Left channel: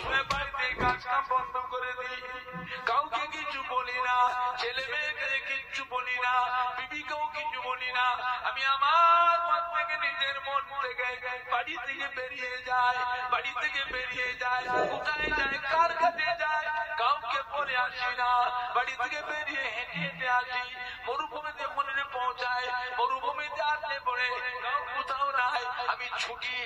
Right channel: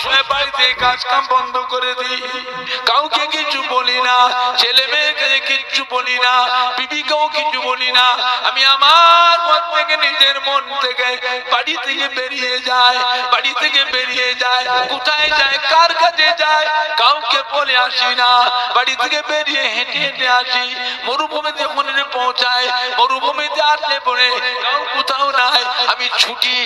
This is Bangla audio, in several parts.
সময় বাড়িতে কাজ কাম বন্ধ করে দিই, কাউকে কিছু বলি না, ছেলে মেয়েকে কিছু বলি না, বিবিকেও কিছু বলি না। আমি আমার মন থেকে, নিজের মন থেকে বাড়ি থেকে বেরিয়ে যায়, বাড়ি থেকে বেরিয়ে যায়। কোথায় যায়, কার কাছে যায়, কাউকে বলে আসি না। বাড়ি থেকে বেরিয়ে হেঁটে হেঁটে আসি, মরুভূমিতে মনে পৌঁছায়। মরুভূমিতে আসলে পরে কাউ কোথাও নাই। আমি ছুটে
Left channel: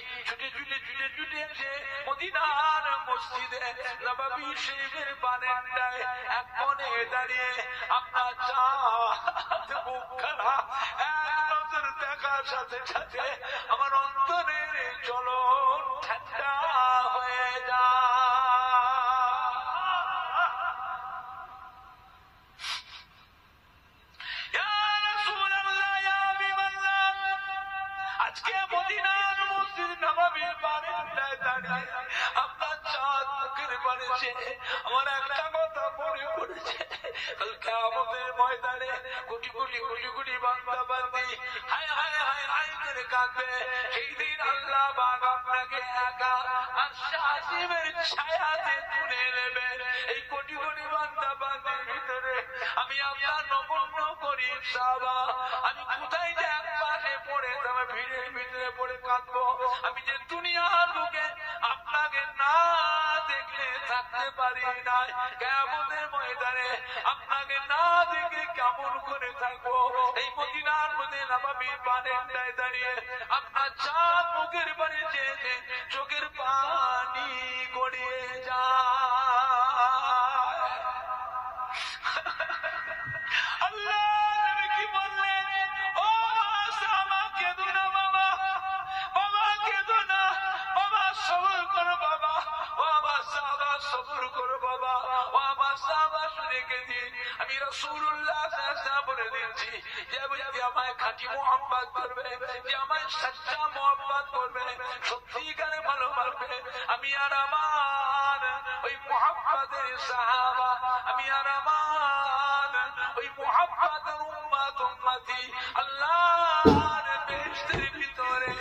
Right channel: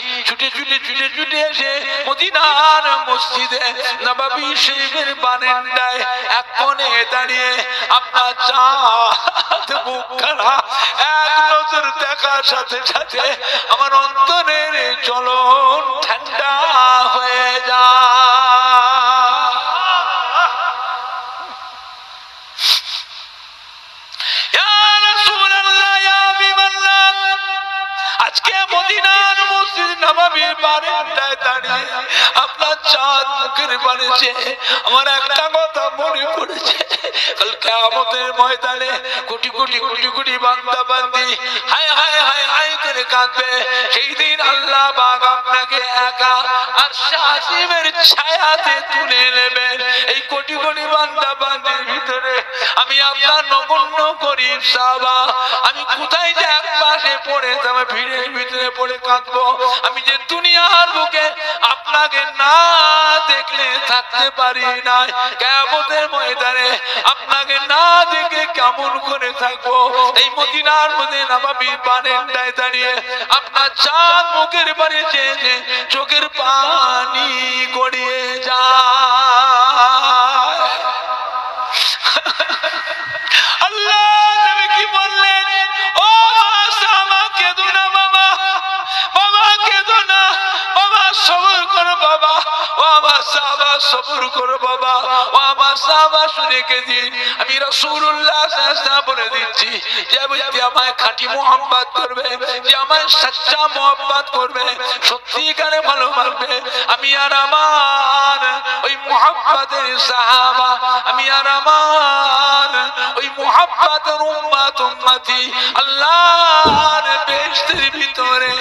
ছুটে এসে মদিনার মসজিদে নববী শরীফের বারান্দায় এক কোণে দাঁড়িয়ে আপনার চাঁদ মুখখানা এক নজর দেখার সাথে সাথে আমার অন্তরের জ্বলন ঠান্ডা হয়ে যায়। আজকে মদিনার মসজিদ নববীর বারান্দায় দাঁড়িয়ে আপনার চাঁদ মুখের বাড়িছে, আমার একটা কথা মনে পড়েছে। কাল কিয়ামতের ময়দানে কোটি কোটি কোটি কোটি বান্দা বান্দি হায় হায় হায় হায় করে কাঁদবে। সেই দিন আল্লাহ পাক আপনাকে একা আরশে আজিমের ছায়াতে তুলে নেবেন। এই কোটি কোটি বান্দা বান্দির ভিতরে আমি আপনার নগণ্য গরীব সাহাবা, আমি কোথায় যে এক পাশে পড়ে তবে ভিড়ের ভিতরে পড়ে কাঁদবো। আমি যে দুনিয়ার বুকে আপনাকে না দেখলে থাকতে পারি না, কিয়ামতের ময়দানে আপনাকে না দেখে কেমন করে থাকবো। এই মদিনার মধ্যে নববীর বারান্দায় দাঁড়িয়ে আপনার চাঁদ মুখের বাড়ি চেয়ে চোখের পানি গড়িয়ে যায়। আল্লাহ নবী কি বললেন, ও সাহাবা কেঁদো না বাবা, বাবা কেঁদো না, বাবা সবর করো বাবা, ও আমার সাহাবা সবর করো বাবা, ও আমার সাহাবা শুনে কেঁদিন। আমি রাসূলুল্লাহ সাল্লাল্লাহু আলাইহি ওয়াসাল্লাম বলে দিচ্ছি, যে ব্যক্তি আমায় খাঁটি মুহাব্বত করবে, যে আমায় সচ্চা মুহাব্বত করবে, সত্যিকারে ভালোবাসবে, আমি আর আমার ওই মুহাব্বতের সাহাবা, আমি আর আমার ওই মুহাব্বতের উম্মত উম্মতি আল্লাহর বেহেশতের ভিতরে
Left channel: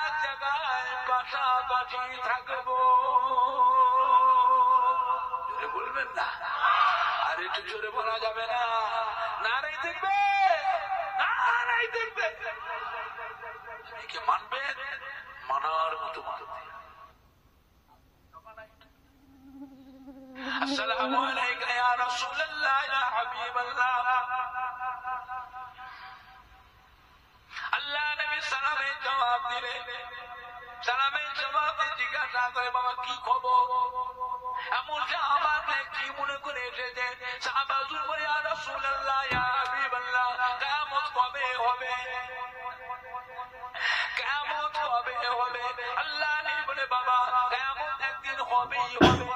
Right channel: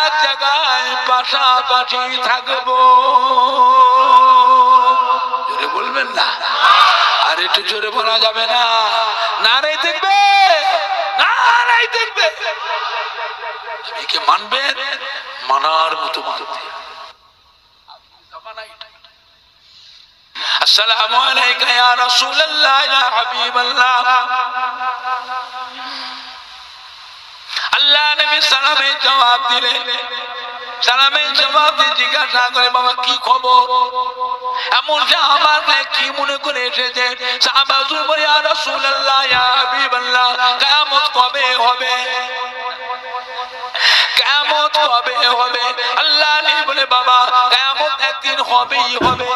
এক জায়গায় পাশাপাশি থাকবো। জোরে বলবেন না, আর একটু জোরে বলা যাবে না? নারাই দেখবে, নারাই দেখবে। নবীকে মানবেন, মানার মতো মানবে। আসসালামু আলাইকা ইয়া রাসূলুল্লাহ ইয়া হাবিবাল্লাহ। আল্লাহ নবী সালামের জবাব দিলেন, সালামের জবাব দিয়ে জিজ্ঞাসা করে, বাবা কি খবর? এমন সাহাবার কি মনে করে এসেছে? সাহাবা বলে, ইয়া রাসূলুল্লাহ ইয়া হাবিবাল্লাহ, কিয়ামত কবে হবে? কিয়ামত কবে হবে? আল্লাহ নবী বলে, বাবা কিয়ামত একদিন হবেই হবে,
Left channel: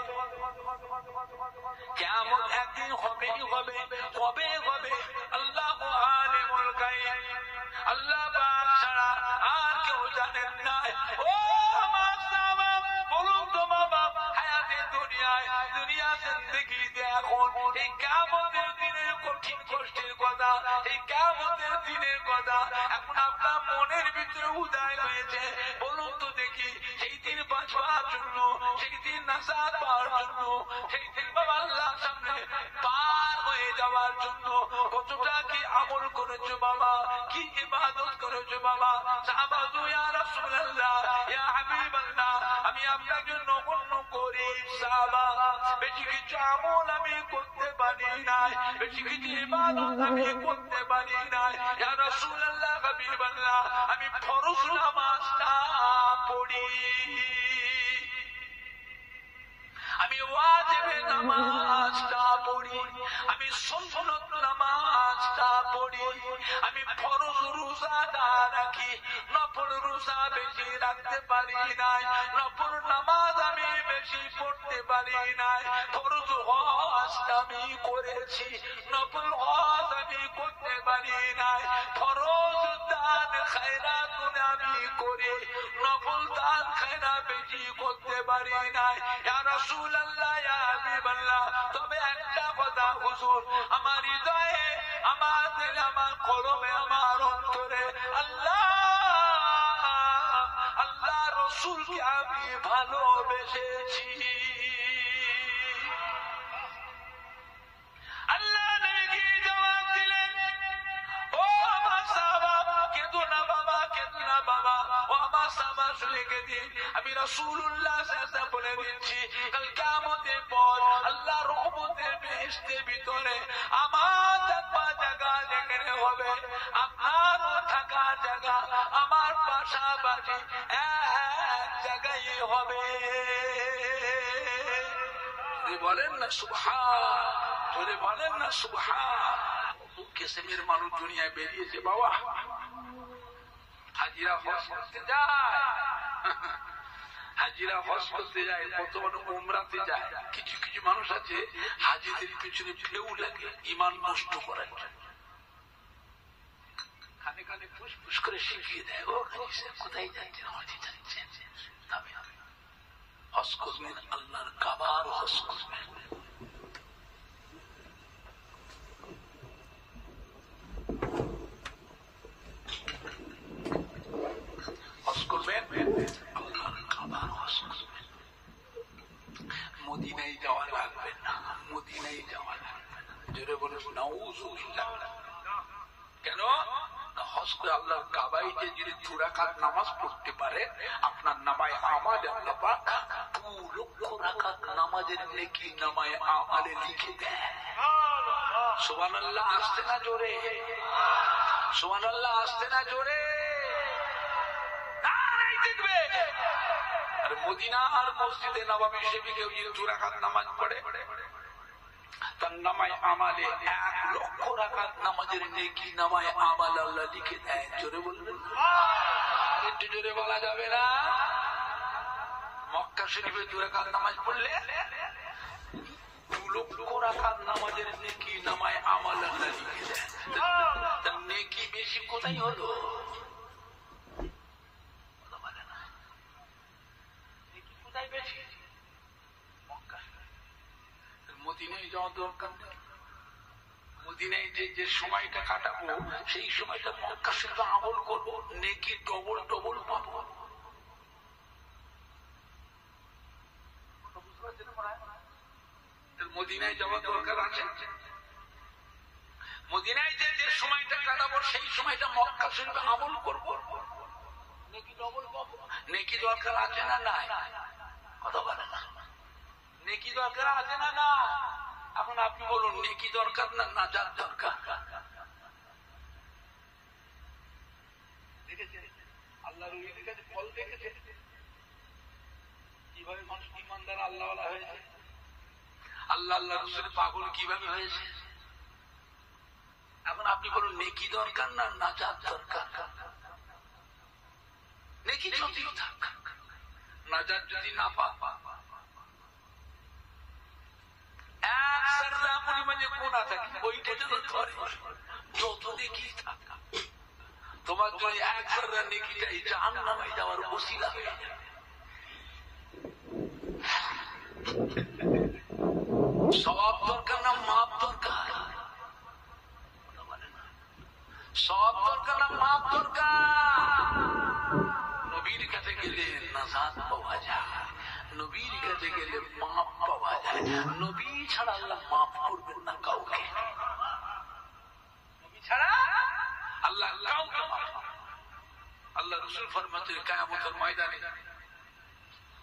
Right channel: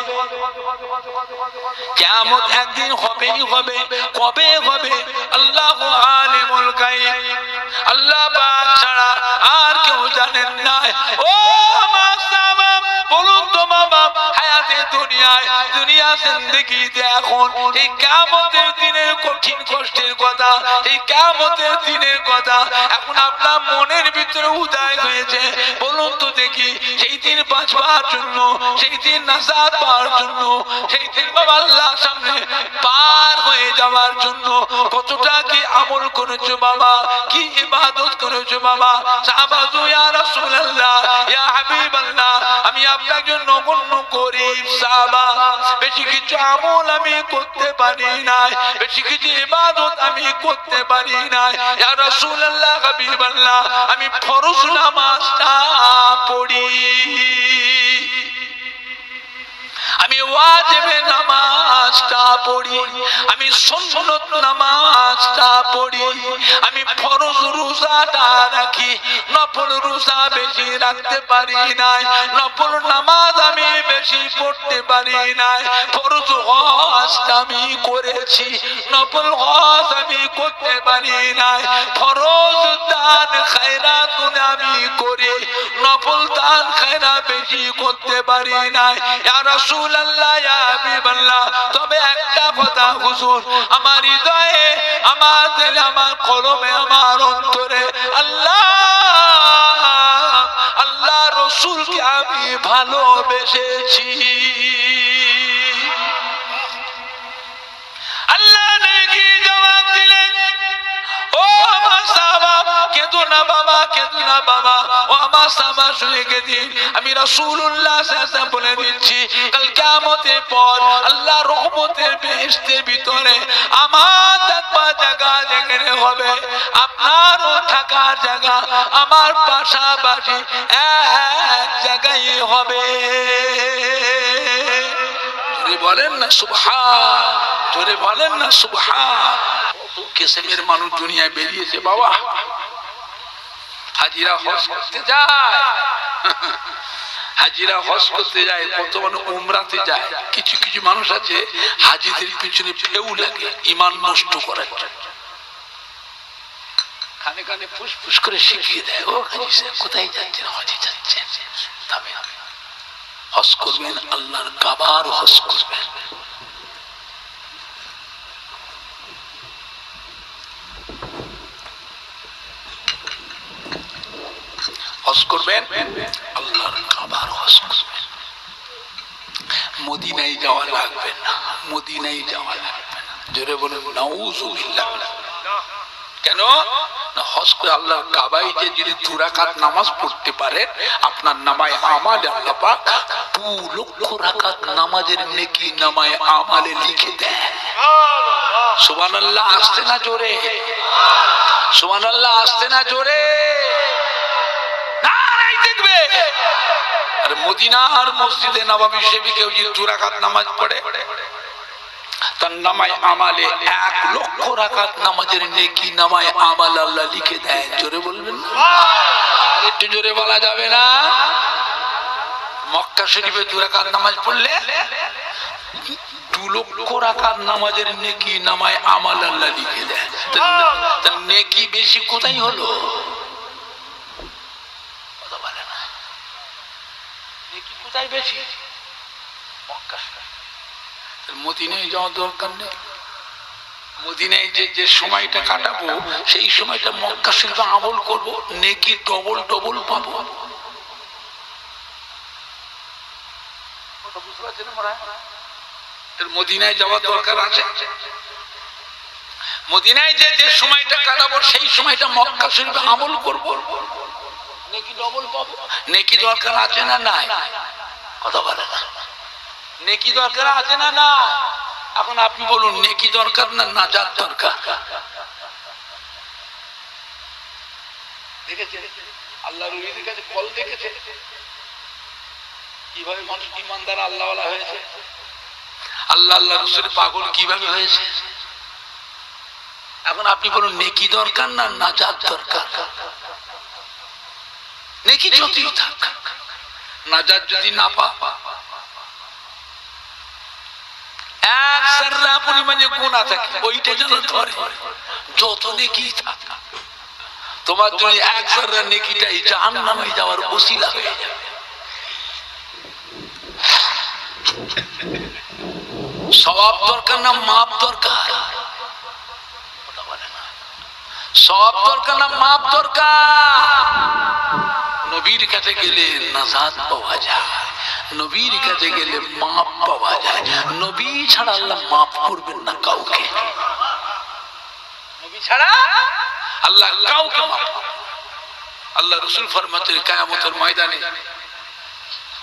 কিয়ামত একদিন হবেই হবে। কবে হবে? আল্লাহু আলিমুল গায়ব, আল্লাহ পাক ছাড়া আর কেউ জানেন না। ও আমার সাহাবা বলুন তো বাবা, হায়াতে দুনিয়ায়, দুনিয়া জিন্দেগিতে এখন এই কিয়ামতের দিনের কঠিন কষ্টের কথা, এই কিয়ামতের দিনের কথা এখন আপনার মনের ভিতরে উদয় হয়েছে। বলুন তো দেখি, সেই দিন বাঁচবার জন্য, সেই দিন নাজাত পাওয়ার জন্য, সেই দিন বাবা আল্লাহর সামনে পার হয়ে যাওয়ার জন্য কতটা কি আমল করেছো বাবা, কি ইবাদত করেছো বাবা? সাহাবা ইয়া রাসূলুল্লাহ ইয়া হাবিবাল্লাহ, আমি আপনার জন্য নগণ্য গরীব সাহাবা, বেশি কিছু আমল আমি করতে পারি না, বেশি কিছু ইবাদত আমি করতে পারি না। ইয়া রাসূলুল্লাহ হাবিবাল্লাহ, আমি ফরজ নামাজটা পড়ি, আমি ওয়াজিবে নামাজটা পড়ি, আমি সুন্নত নামাজটা পড়ি, আমি ফরজ রোজাটা রাখি, নফল রোজা বেশি রাখতে পারি না, নফল নামাজ আমি বেশি পড়তে পারি না, ফরজ হজ আমি করেছি, নফল হজ আমি করতে পারি না, ফরজ দান খায়রাত আমি করি, নফল দান খায়রাত বেশি করতে পারি না। ইয়া রাসূলুল্লাহ ইয়া হাবিবাল্লাহ, তবে একটা কথা হুজুর, আমার হৃদয়ে, আমার দিলে, আমার কলমে, আমার অন্তরে আল্লাহ আল্লাহ রাসূলকে আমি ভালোবেসেছি। আল্লাহ নেকি জবাব দিলেন, ও আমার সাহাবা কেঁদো না বাবা, কেঁদো না বাবা, ও আমার সাহাবা শুনে দিন, আমি রাসূলুল্লাহ সাল্লাল্লাহু আলাইহি ওয়াসাল্লাম বলে দিচ্ছি, কাল কিয়ামতের পর আল্লাহ রহমতের বেহেশতের ভিতরে আমার থাকার জায়গা যেখানে হবে, আপনারও থাকার জায়গা আমার পাশাপাশি এক জায়গায় হবে। জোরে বলেন না সুবহান, জোরে বলেন না সুবহান। কিসমের মানুষ দুনিয়ায় বেরিয়েছে বাবা, হাজিরা হজ করতে যায়, হাজিরা হজ করতে যায়, কত মানুষ উমরাতে যায়। কিছু কিছু মানুষ আছে হাজিদের পিছনে ফেউ লাগে ঈমান নষ্ট করার জন্য, কানে কানে ফুসফুস করে শিখিয়ে দেয়, ও হাজি সাহেব কোথায় যাচ্ছেন? হজে যাচ্ছেন, তবে হজ করবেন আল্লাহর কাবার হজ করবেন। হজ করবেন আল্লাহর কাবার হজ করবেন। মদিনায় যাওয়া লাগবে না, মদিনায় যাওয়া লাগবে না। জোরে বলুন নাউযুবিল্লাহ। কেন না, হজ করে আল্লাহর কাবায় যে যদি 2 রাকাত নামাজ পড়তে পারেন, আপনার নামায় আমালে আল্লাহ পাক 2 লক্ষ রাকাত নামাজের নেকি নামায় আমালে লিখে দেয়। সুবহানাল্লাহ আসতে না জোরে, সুবহানাল্লাহ আসতে না জোরে। দেখবে আর মদিনার মসজিদে নববী শরীফে কেউ যদি 2 রাকাত নামাজ পড়ে, তার নামায় আমালে 1 লক্ষ রাকাত নামাজের নেকি নামায় আমাল আল্লাহ লিখে দেয়। জোরে বলবেন না, একটু জোরে বলা যাবে না? মক্কা শরীফে 2 রাকাত নামাজ পড়লে 2 লক্ষ রাকাত নামাজের নেকি নামায় আমাল আল্লাহ লিখে দেয়। তার নেকি বেশি কোথায় হলো? কোথায় বেশি? মক্কা শরীফ। মদিনায় যাওয়ার দরকার নেই। মদিনায় যে সময়টা কাটাবো, সেই সময়টা মক্কা শরীফে আমল করবো, নেকি ডবল ডবল পাবো। মদিনায় যাওয়ার দরকার আছে। মদিনায় যে সময়টা কাটাবো, সেই সময়টা মক্কা শরীফে আমল করবো, নেকি ডবল পাবো। নেকি দরকার আছে না নাই? কথা বলে না, নেকি দরকার আছে না না? এখন আপনি বলুন, নেকি দরকার না নাজাত দরকার? দেখেছে আল্লাহর ওলিদের কাছে ফল দেখেছে কিভাবে মানুষ ঈমানদার আল্লাহওয়ালা হয়েছে, আল্লাহ আল্লাহ রাসূলের পাগল কিভাবে হয়েছে। এখন আপনি বলুন, নেকি দরকার না নাজাত দরকার? নেকি যতই থাক, নাজাত যদি না পা, এক সাররা পরিমাণে গুনাহ থাকে, ওইটা যেন ধরে। যত নেকি থাক, তোমার জন্য এক সাররা নেকিটাই জাহান্নামে যাওয়ার ওসিলা হয়ে যাবে। সওয়াব দরকার না মাপ দরকার? সওয়াব দরকার না মাপ দরকার? নবীর কাছে গেলে নাজাত পাওয়া যায়, নবীর কাছে গেলে মাপ পাওয়া যায়। নবী ছাড়া আল্লাহ মাফ করবেন না কাউকে, নবী ছাড়া আল্লাহ কাউকে মাফ করবেন। আল্লাহ রাসূল ফরমাতেন, কিয়ামতের ময়দানে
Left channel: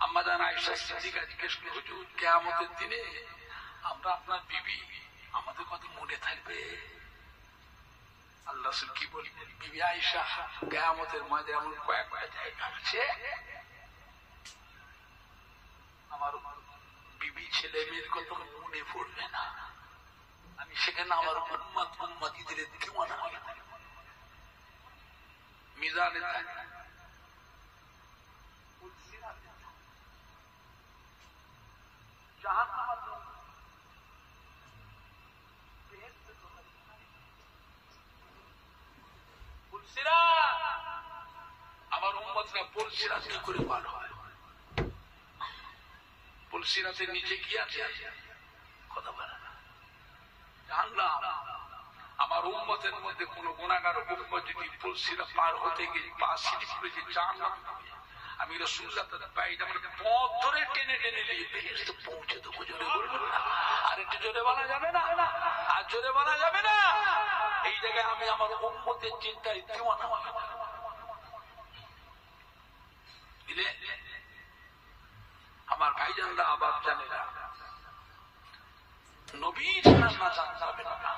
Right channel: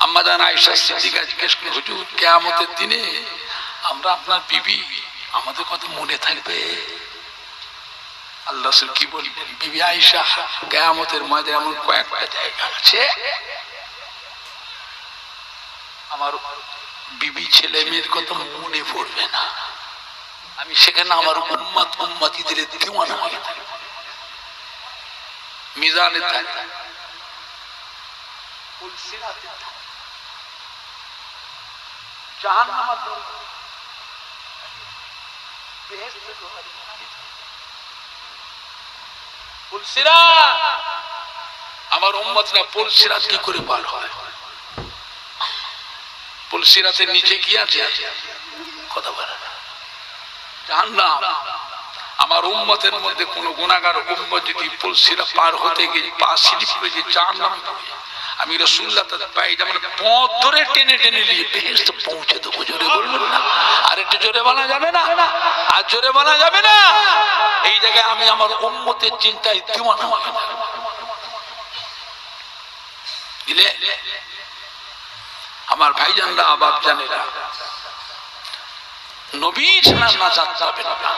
আম্মা জান আয়েশা সিদ্দিকা জিজ্ঞেস করে, হুজুর কিয়ামতের দিনে আমরা আপনার বিবি, আমাদের কথা মনে থাকবে? আল্লাহ রাসূল কি বলবেন? বিবি আয়েশা, কিয়ামতের ময়দানে এমন কয়েকটা জায়গা আছে আমার বিবি ছেলে মেয়ের কথা মনে পড়বে না, আমি সেখানে আমার উম্মত উম্মতিদের দিওয়ানা হয়ে থাকব, মিজানে থাকব, পুলসিরাতে থাকব, জাহান্নামে থাকব, বেহেশতে থাকব। পুলসিরাত, আমার উম্মতরা পুলসিরাত কি করে পার হয়? পুলসিরাতের নিচে কি আছে? কথা বলে না। জাহান্নাম। আমার উম্মতের মধ্যে কোন গুনাহগার উম্মত যদি পুলসিরা পার হতে গিয়ে পা স্লিপ করে যে জাহান্নামে পড়ে, আমি রাসূলুল্লাহ তাদের পায়জামা পথ ধরে টেনে টেনে নিয়ে বেহেশতে পৌঁছে দেবো। জোরে বলবেন না? আর একটু জোরে বলা যাবে না? আর জোরে বলা যাবে না? এই জায়গায় আমি আমার উম্মতের চিন্তায় দিওয়ানা হই না। দিলে আমার ভাইজানরা, বাপ জানেরা, নবী ছাড়া নাজাত পাবেন না,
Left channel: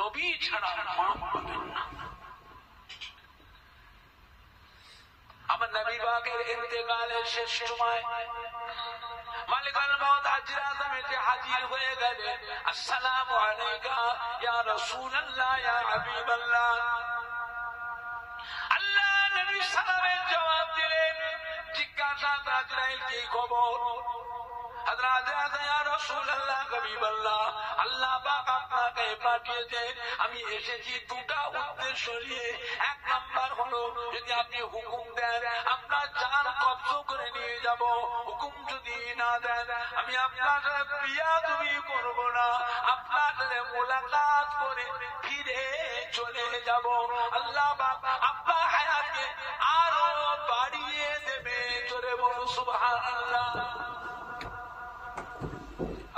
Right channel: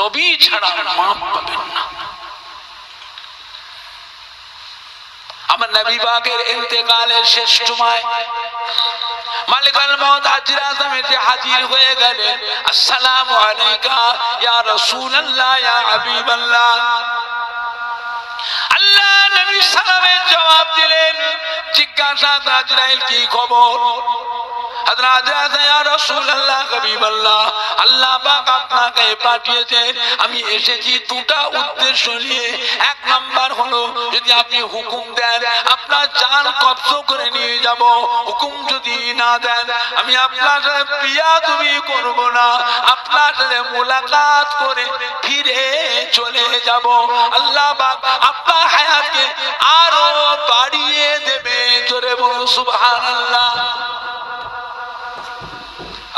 নবী ছাড়া মাপ পাবেন না। আমার নবী পাকের ইন্তেকালের শেষ সময় মালিকুল মউত হাজির আজম এসে হাজির হয়ে গেলেন। আসসালামু আলাইকা ইয়া রাসূলুল্লাহ ইয়া হাবিবাল্লাহ। আল্লাহ নবী সালামের জবাব দিলেন। জিজ্ঞাসা আজরাইল কি খবর? হযরত ইয়া রাসূলুল্লাহ হাবিবাল্লাহ, আল্লাহ পাক আপনাকে পাঠিয়েছেন। আমি এসেছি দুটা উদ্দেশ্য নিয়ে। এক নাম্বার হলো, যদি আপনি হুকুম দেন আপনার জান কবজ করে নিয়ে যাব। হুকুম যদি না দেন আমি আপনার সাথে বিয়াদবি করব না, আপনার সাথে মুলাকাত করে ফিরে চলে যাব। আল্লাহ পাক আপনার হায়াতকে আরো বাড়িয়ে দেবে। জোরে বলুন সুবহানাল্লাহ।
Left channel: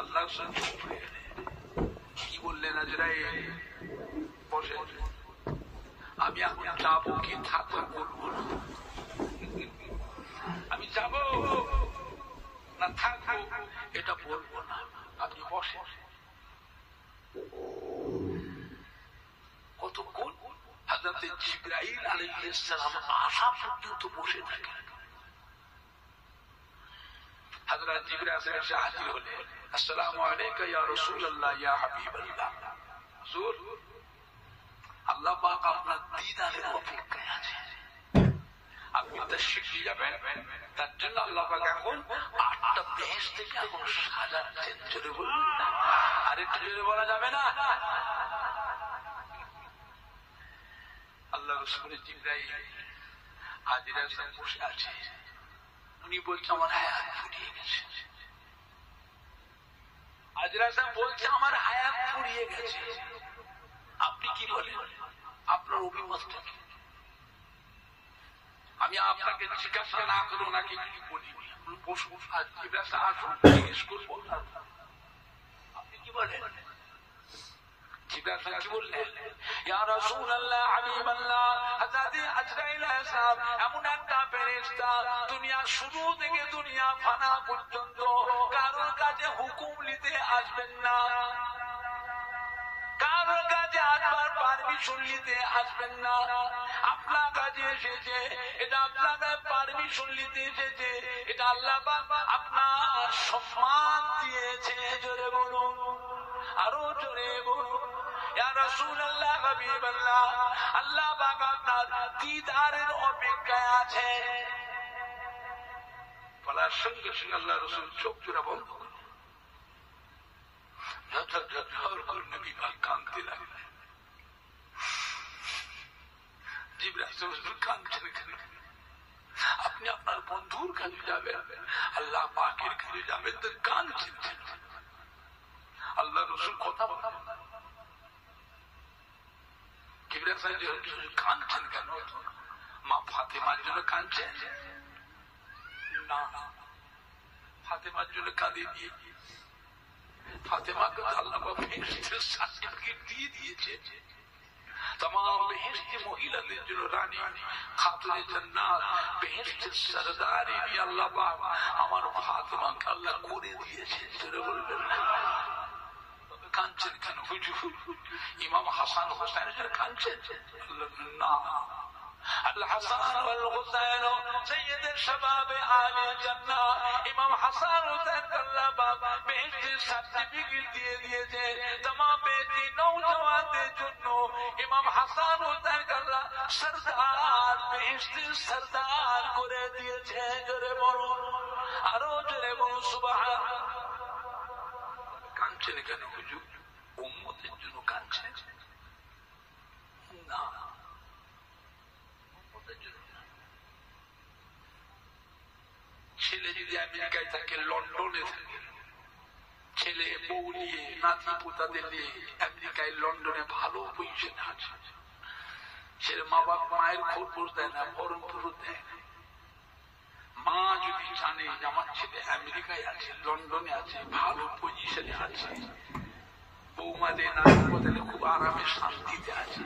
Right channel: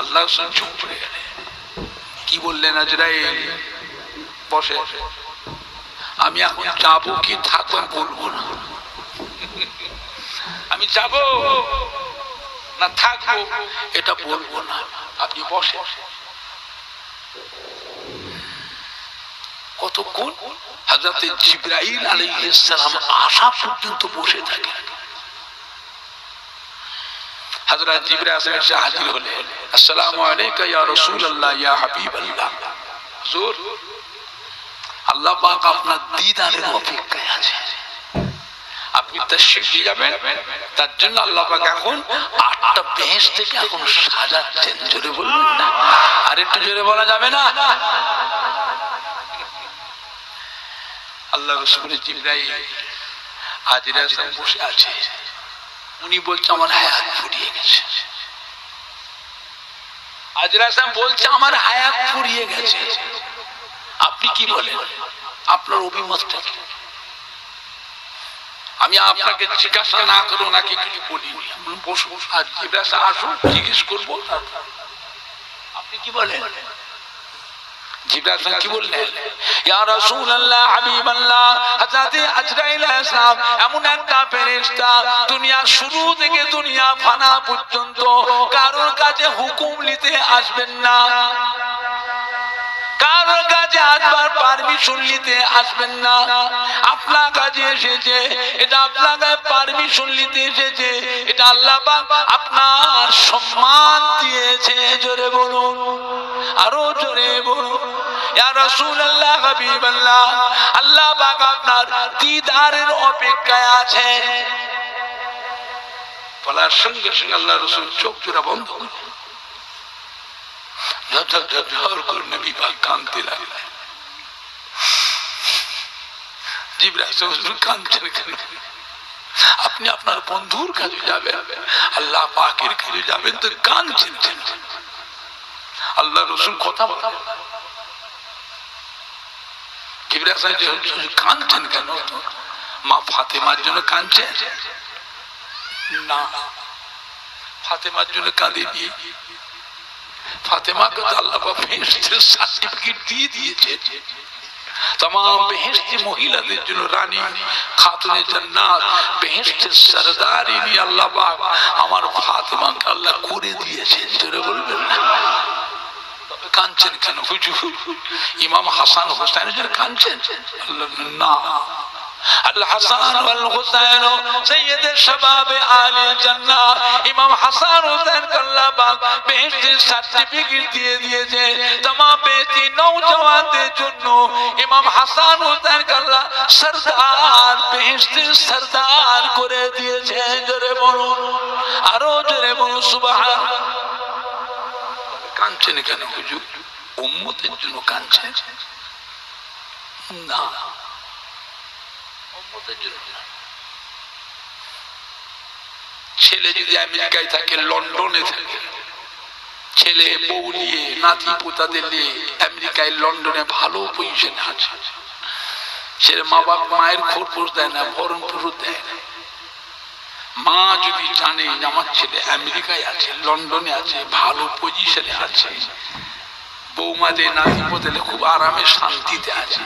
আল্লাহ চুপ করে গেলেন। কি বললেন আজরাইল? বসে, আমি এখন যাবো কি থাকবো বলবো না। আমি যাব না থাকবো এটা বলবো না, আপনি বসে। কতক্ষণ? হযরত জিবরাইল আলাইহিস সালাম আসা পর্যন্ত বসে থাকে। হযরত জিবরাইল এসে হাজির হলেন। আসসালামু আলাইকা ইয়া রাসূলুল্লাহ ইয়া হাবিবাল্লাহ। হুজুর, আল্লাহ পাক আপনার দিদারের অপেক্ষায় আছে, আপনি তাশরীফ নিয়ে যাবেন। তার জন্য আল্লাহ পাক এখন 8টা বেহেশত থেকে এখন সাজাচ্ছেন। জোরে বলবেন না? আর একটু জোরে বলা যাবে না? আল্লাহ রাসূল জিবরাইল হাজিরা সাহেব বসে আছে। উনি বলছে আমার হায়াত ফুরিয়ে গেছে। হাজিরা সাহেব বলছে আমার হায়াত ফুরিয়ে গেছে। আপনি কি বলেন? আপনার অভিমতটা কি? আমি আপনাকে জিজ্ঞাসা না করো নাকি কিছু বলি, বসো আর জিজ্ঞাসা আসুন জিজ্ঞেস করবো। আপনি কি বলেন? জিবরাইল কি বললেন? ইয়া রাসূলুল্লাহ হাবিবাল্লাহ, হযরত আজরাইল আলাইহিস সালাম এমন একটা ফেরেশতা, দুনিয়া শুরু থেকে দুনিয়া ফানা পর্যন্ত কারোর কাছে হুকুম নিতে আসবেন না, কারোর কাছে আসবার পারমিশন নিতে আসবেন না। আপনার কাছে এসেছে, এটা আপনার কাছে পারমিশন নিতে এসেছে, এটা আল্লাহ পাক আপনার সম্মান দিয়েছে। জোরে বলুন, আরো জোরে বলুন। ইয়া রাসূলুল্লাহ হাবিবাল্লাহ, আল্লাহ পাক আপনার দিদারের অপেক্ষায় আছে। বলার সঙ্গে সঙ্গে আল্লাহ রাসূল চোখ জোড়া বন্ধ করে ঝরঝর করে নবী পাক কাঁদতে লাগলেন। জিবরাইল কাঁদছেন কেন? আপনি আপনার বন্ধুর কাছে যাবেন, আল্লাহ পাকের কাছে যাবেন তো কাঁদছেন কেন? আল্লাহ রাসূল কথা বলেন। জিবরাইল কাঁদছেন কেন? মা ফাতেমার জন্য কাঁদছেন না, ফাতেমার জন্য কাঁদেনি। ফাতেমাকে তো আল্লাহ বেহেশতের সার্টিফিকেট দিয়ে দিয়েছে। तमाम बेहेश्ती महिलाদের জন্য রানী খাতুনে জান্নাত বেহেশতের সরদার ইনি আল্লাহ পাক আমার ফাতেমাকে আল্লাহ করে দিয়েছেন। জোরে বলবেন না? কাঁদছেন কেন হুজুর? ইমাম হাসান হোসেনের জন্য কাঁদছেন? আল্লাহ না, আল হাসান ওয়াল হুসাইন সাইয়্যিদ শাবাব আলে জান্নাত, ইমাম হাসান হোসেন আল্লাহ পাক বেহেশতের সার্টিফিকেট দিয়ে দিয়েছে। तमाम বেহেশতি নওজওয়ানদের জন্য ইমাম হাসান হোসেন আল্লাহ সরদার বেহেশতের সরদার করে দিয়েছে। জোরে বলুন, আরো জোরে বলুন সুবহানাল্লাহ। কাঁদছেন কেন হুজুর? উম্মতের জন্য কাঁদছেন না, ছেলে যদি আমেরিকায় থাকে, লন্ডনে থাকে, ছেলে বউ নিয়ে নাতি পোতাদের নিয়ে আমেরিকায় লন্ডনে ভালো পজিশনে আছে। ছেলে মা বাপ মায়ের খোঁজ দেয় না, ভরণ পোষণ দেয় না। মা যদি জানে যে আমার ছেলে আমেরিকায় আছে, লন্ডনে আছে, ভালো পজিশনে আছে, বৌমাদের নাতি পোতাদের খুব আরামে শান্তিতে আছে,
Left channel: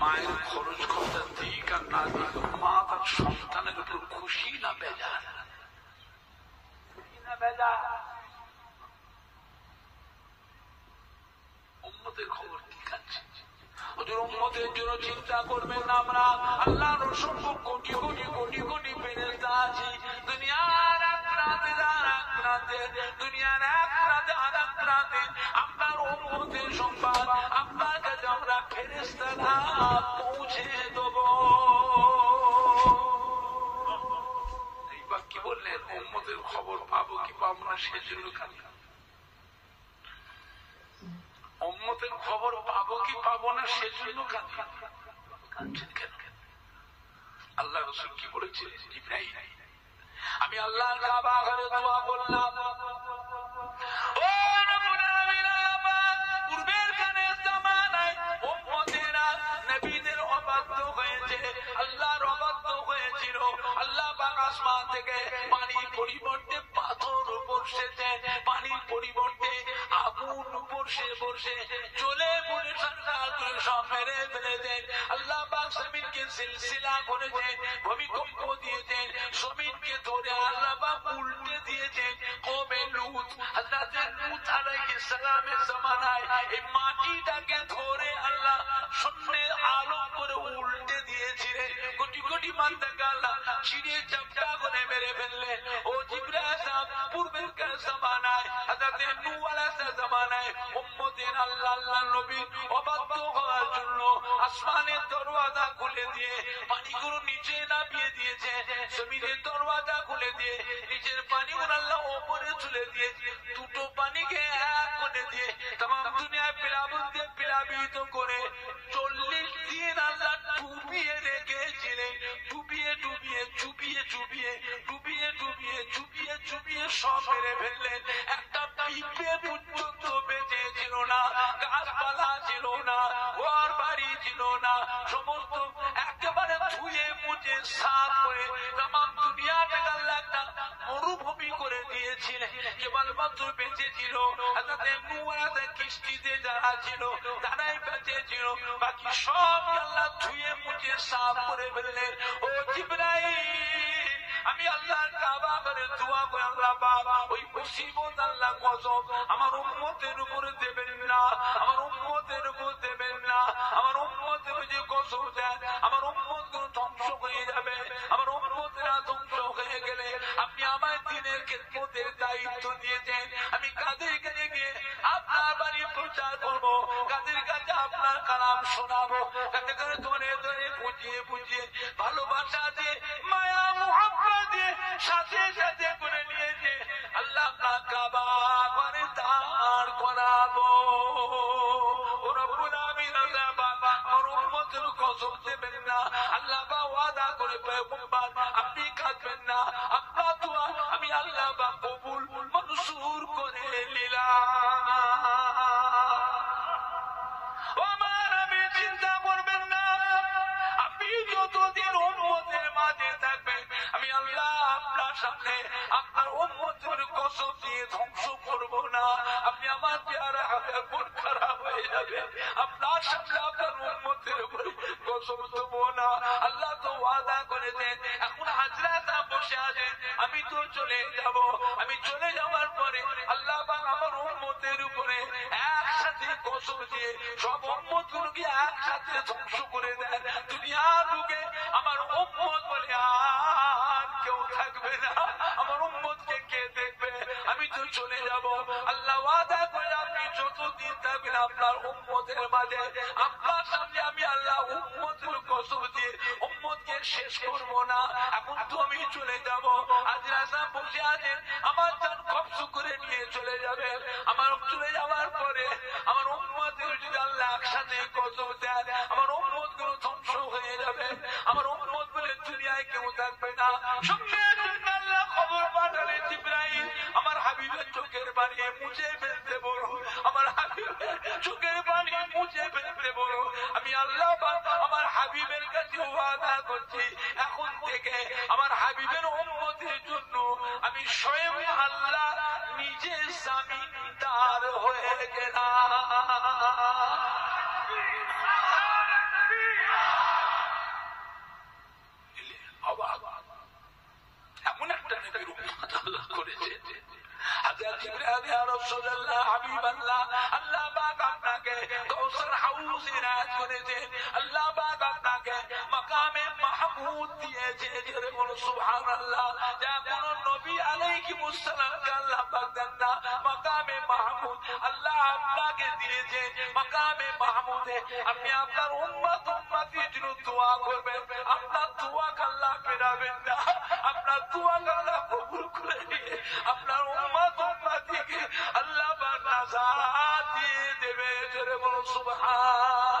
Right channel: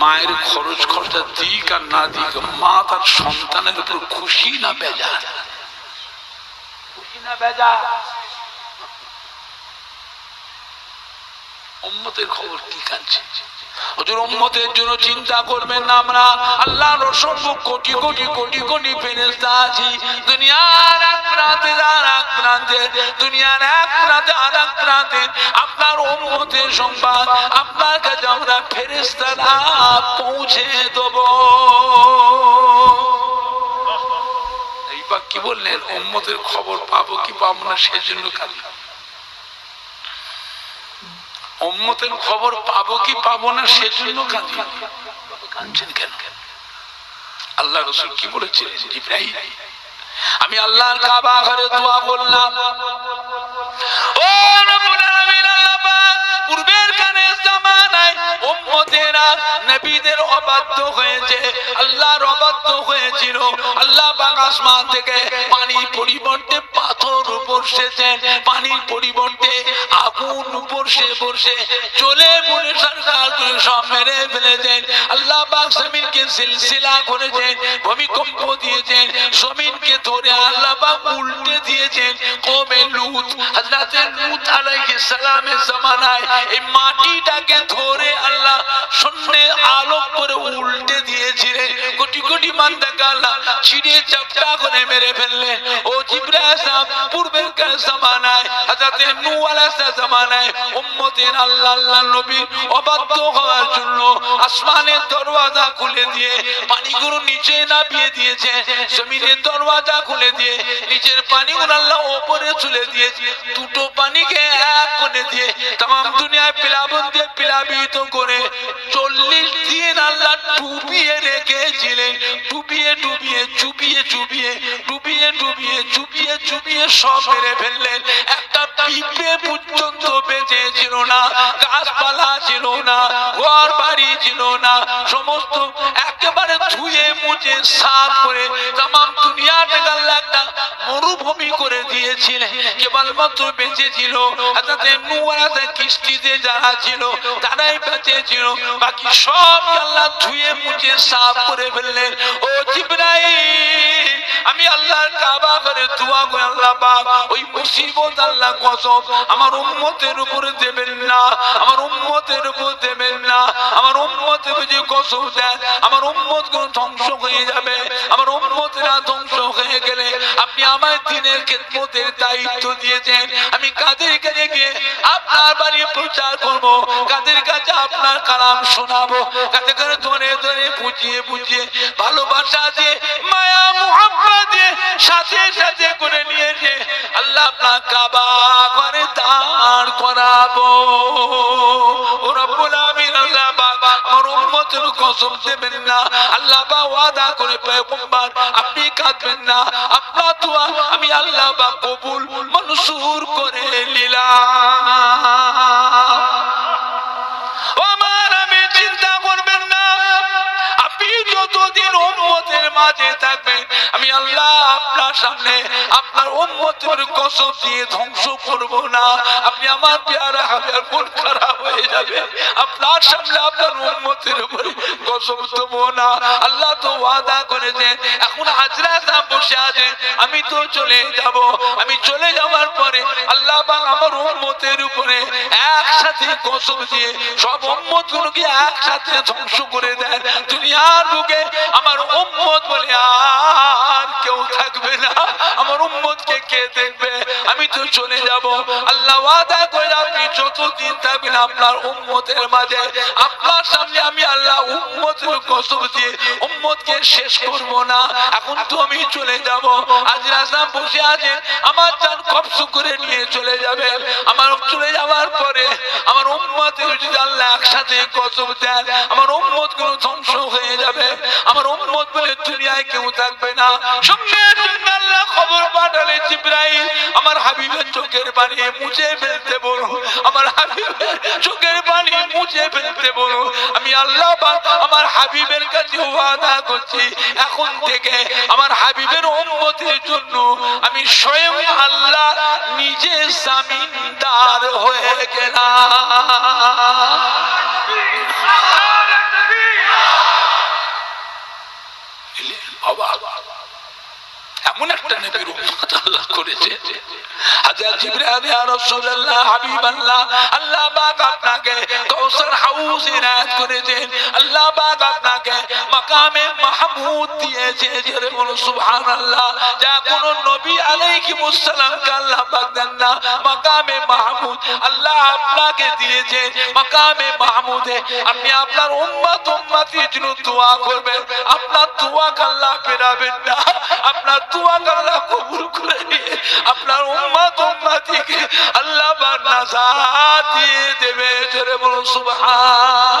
মায়ের খরচ খরচা দিক আর না দিক মা তার সন্তানের উপর খুশি না বেজার? খুশি না বেজার? উম্মতের খবর কি কাছে? হুজুর উম্মতের জন্য চিন্তা করবেন না। আমরা আল্লাহর অসংখ্য কোটি কোটি কোটি কোটি ফেরেশতা আছি, দুনিয়ার এক প্রান্তে আর এক প্রান্তে, দুনিয়ার এক প্রান্তে আর এক প্রান্তে আপনার উম্মতের সংবাদ আপনার কাছে আমরা ফেরেশতারা পৌঁছে দেব। এইবার কি বললেন? উম্মতের খবর পাবো কি পাবো না সেজন্য কাজ। উম্মতের খবর পাবো কি পাবো না সেজন্য কাঁদছেন কেন? আল্লাহ রাসূল কি বলেছিলেন? ইব্রাহিম, আমি আল্লাহর কাবা ঘরে দোয়া করলাম, ও রব্বুল আলামিন, আল্লাহ পাক পূর্বের কানে জামানায় উম্মতেরা নবীদের অবাধ্য হয়েছে, আল্লাহর অবাধ্য হয়েছিল। আল্লাহ পাক আসমান থেকে পানির পরিবর্তে পাথর বর্ষেছেন, পানির পরিবর্তে আগুন বর্ষে চলে মনে সরকার করে সব মেরে ফেলেছেন। আল্লাহ পাক জমিনকে সিলসিলা করেছেন, ভূমিকম্প দিয়েছেন, জমিনকে ধরে আল্লাহ পাক উল্টে দিয়েছেন। কওমে লূত, হযরত লূত আলাইহিস সালামের জামানায় এই মাটিটাকে ধরে আল্লাহ শূন্যে আলোক করে উল্টে দিয়েছিলেন। কোটি কোটি বান্দাকে আল্লাহ ছিঁড়ে চাপটা করে মেরে ফেললেন। ও জিবরাইল সাহেব, পূর্বের জামানায় হযরত নূহ আলাইহিস জামানায় উম্মতের আল্লাহ নবীর অবাধ্য হওয়ার জন্য আসমানের দরওয়াজা খুলে দিয়ে পানিগুলো নিচে নামিয়ে দিয়েছে, জমিনের দরওয়াজা খুলে দিয়ে নিচের পানিগুলো আল্লাহ উপরে তুলে দিয়েছে, দুটো পানিকে এক করে দিয়ে तमाम দুনিয়ায় প্লাবন দিয়ে প্লাবিত করে 40 দিন আল্লাহ ডুবিয়ে রেখেছিলেন। ডুবিয়ে ডুবিয়ে চুবিয়ে চুবিয়ে ডুবিয়ে ডুবিয়ে চুবিয়ে চুবিয়ে সব মেরে ফেললেন। একটা পিঁপড়ে পর্যন্ত বেঁচে ছিল না, গাছপালা ছিল না, ঘর বাড়ি ছিল না, সমস্ত একেবারে ধুয়ে মুছে সাফ করে तमाम দুনিয়াটাকে আল্লাহ একটা মরুভূমি করে দিয়েছিলেন। কেবলমাত্র বেঁচে ছিল হযরত নূহ আলাইহিস কিস্তিতে যারা ছিল তারাই বেঁচে ছিল, বাকি সব আল্লাহ ধুয়ে মুছে সাফ করে ফেললেন। ও জিবরাইল, আমি আল্লাহর কাবা ঘরে দোয়া করি, আল্লাহ পাক ওই মুসিবত আল্লাহ কসম আমার উম্মতের উপরে দেবেন না, আমার উম্মতের উপর দেবেন না। আমার উম্মতের যদি কসম দেন আমার উম্মত কোন ধ্বংস হয়ে যাবে। আমার উম্মতেরা ধ্বংস হয়ে গেলে আপনি আমার দ্বীনের খিদমতের দায়িত্ব দিয়েছেন, আমি কাদের কাছে গিয়ে আপনার বাড়ি প্রচার করব, কাদের কাছে আপনার কালাম শোনাবো, কাদের কাছে ধরে ধরে বুঝিয়ে বুঝিয়ে ভালোবাসা দিয়ে মায়া মুহাব্বত দিয়ে সাথে সাথে করে নিয়েছে আল্লাহ আপনার কাবা ঘরে দাঁড় করাবো। ও রব্বুল আমিন, আল্লাহ পাক আমার উম্মতের কসম দেবেন না। আল্লাহ পাক ওয়াদা করে পয়গম্বর আপনি কাঁদবেন না, আপনার দোয়া আমি আল্লাহ পাক কবুল মনসুর করে নিলাম। আমার আমি চিন্তা করবেন না, আপনি যতদিন উম্মতের মাঝে থাকবেন আমি আল্লাহ আপনার সামনে আপনার উম্মতের কসম দিয়ে ধ্বংস করব না। আপনি আমার পেয়ারা হাবিব মন খারাপ হয়ে যাবে, আপনার সামনে আপনার উম্মতের উপরে কসম দেব না। আল্লাহ তো ওয়াদা করেছেন, এখন হাজরা সাহেব বসে আছেন, আমি তো চলে যাব, আমি চলে যাওয়ার পরে আল্লাহ পাক আমার উম্মতের উপরে একসাথে কসম দিয়ে সব উম্মতগুলোকে একসাথে ধ্বংস করে দেন। দুনিয়ার বুকে আমার উম্মত বলে আর কেউ থাকবে না, আমার উম্মতকে কে দেখবে? আমি তো চলে যাব। আল্লাহ ওয়াদা করে আপনি যতদিন থাকবেন আপনার উম্মতের মাঝে আপনার সামনে আমি আল্লাহ উম্মতের কসম দিয়ে উম্মতকে শেষ করব না। এখন তো আমি চলে যাব, আজ রাস্তায় বসে আছেন, আমার জান কবজ করে নিয়ে চলে যাবে। আমার চলে যাওয়ার পরে আমার উম্মতের যদি আল্লাহ একসাথে কসম দেন আমার উম্মত গুলো ধ্বংস হয়ে যাবে, আমার উম্মত বলে দুনিয়ায় কেউ থাকবে না। সঙ্গে সঙ্গে আল্লাহ খবর পাঠান পাঠালে জিবরাইল আমার হাবিবের চোখের পানি মুছে ফেলতে বলো, আমার হাবিবের চোখের পানি মুছে ফেলতে বলো। আমি আল্লাহ পাক আমার হাবিবের কাছে ওয়াদা করছি এখন থেকে আমার হাবিবের উম্মতের জন্য আমি স্বয়ং আল্লাহ নিজে জামিনদার হয়ে গেলাম। এমন একটা নবীর উম্মত আল্লাহ করেছে। হযরত জিবরাইল ইয়া রাসূলুল্লাহ হাবিবাল্লাহ আল্লাহ পাক আপনাকে কাউসার হাউজ ইনায়াত করেছেন, আল্লাহ পাক আপনাকে মাকামে মাহমুদ দিয়েছে। জোরে বলো সুবহানাল্লাহ। যা কোন নবী আলাইহিস সালামকে আল্লাহ পাক দেন না, মাকামে মাহমুদ আল্লাহ আপনাকে দিয়েছে। মাকামে মাহমুদে আপনি আপনার উম্মতির জন্য দোয়া করবেন, আপনার দোয়া আল্লাহ ফেরাবেন না, আপনার দোয়া আল্লাহ কবুল করে নিয়ে আপনার উম্মতিকে আল্লাহ পাক নাজাত দিয়ে দেবে। জোরে বলুন সুবহান।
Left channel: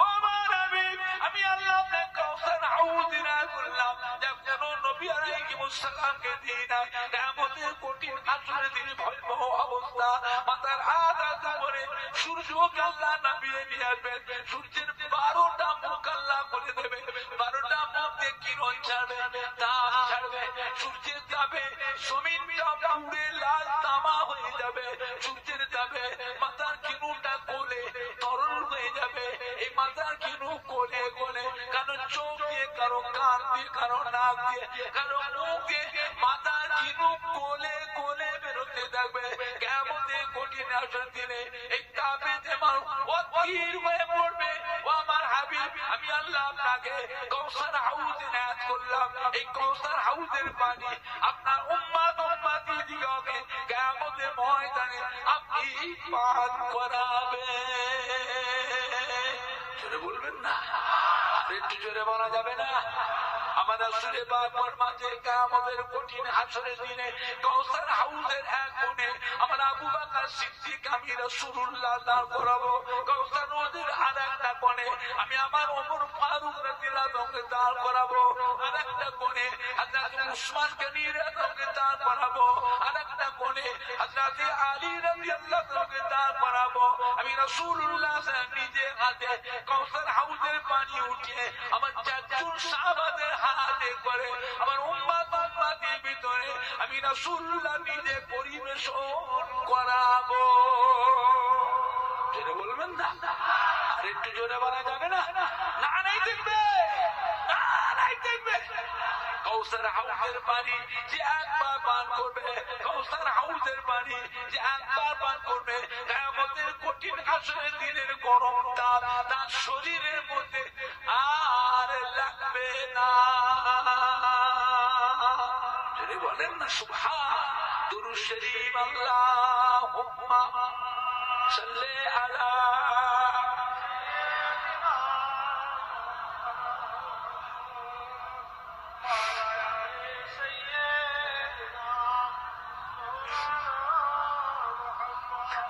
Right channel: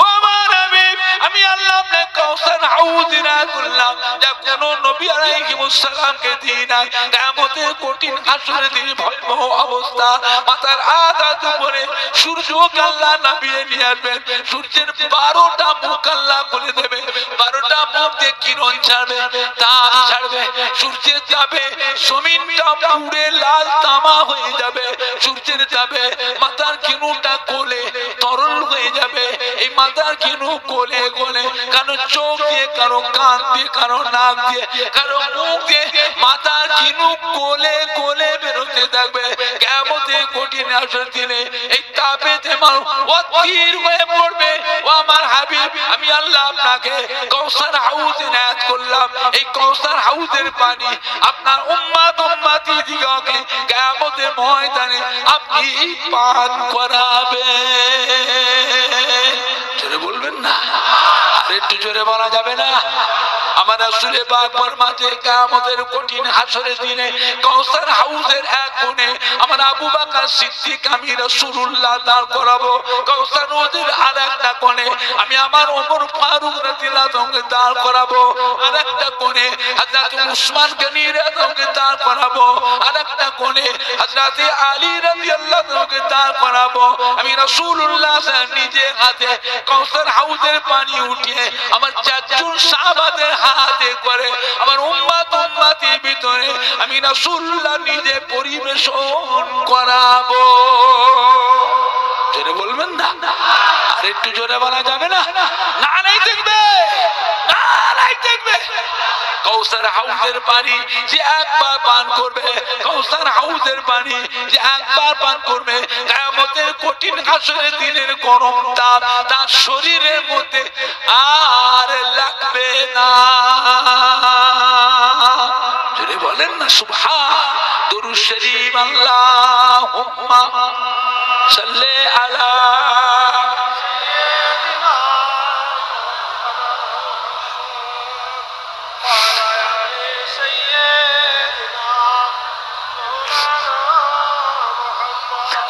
ও আমার নবী আমি আল্লাহ আপনাকে কাউসার হাউজ ইনায়াত করলাম যা কোন নবী আলাইহিস সালামকে দিই না। কিয়ামতের কঠিন হাসরের দিন ভয়াবহ অবস্থা, মাথার আঘাত উপরে সূর্যকে আল্লাহ নামিয়ে নিয়ে আসবেন। সূর্যের 12টা মুখ আল্লাহ খুলে দেবে, 12টা মুখ দিয়ে কিরণ ছাড়বে, তাপ ছাড়বে। সূর্যের তাপে জমিনটা পুড়ে লাল তামা হয়ে যাবে। সূর্যের তাপে মাথার কিরণটা কোলে তরল হয়ে যাবে। এই মাথার কিরণ কোলে কোলে কারো চোখ দিয়ে, কারো কান দিয়ে, কারো নাক দিয়ে, কারো মুখ দিয়ে মাথার কিরণ কোলে কোলে বেরোতে থাকবে। কিয়ামতের কঠিন হাসরের দিনে এই তাপেতে মানুষ অস্থির হয়ে পড়বে। ও আমার হাবিব আমি আল্লাহ আপনাকে কাউসার হাউজ ইনায়াত করলাম, এই কাউসার হাউজের পানি আপনার উম্মতি দিগকে কিয়ামতের ময়দানে আপনি পান করাবেন। জোরে বলবেন না, আর একটু জোরে বলা যাবে না? আমার রাসূল পাক ফরমাতে কিয়ামতের কঠিন হাসরের দিনে কাউসার হাউজের এক কোণে আমার আবু বকর সিদ্দিক আমি রাসূলুল্লাহ দাঁড় করাবো, কাউসার হাউজের আরেকটা কোণে আমি আমার ওমর ফারুক রাদিয়াল্লাহু আনহু দাঁড় করাবো, আরেকটা কোণে হযরত উসমান গনি রাদিয়াল্লাহু আনহু দাঁড় করাবো, আরেকটা কোণে হযরত আলী রাদিয়াল্লাহু আনহু দাঁড় করাবো। আমি রাসূলুল্লাহ নিজে হাতে কাউসার হাউজের পানি উঠিয়ে আমার চারজন সাহাবাদের হাতে করে আমার উম্মতির ভিতরে আমি রাসূলুল্লাহ নিজে পরিবেশন করাবো। জোরে বলবেন না, আর একটু জোরে বলা যাবে না? না নাই দেখবে, না নাই দেখবে। কাউসার হাউজের পানি যে একবার পান করবে, কাউসার হাউজের পানি যে একবার পান করবে, কিয়ামতের কঠিন হাসরের দিনের গরম তাপ তার শরীরের মধ্যে আর লাগবে না। যদি বলেন না সুবহান। দুরূদ শরীফ আল্লাহুম্মা সাল্লি আলা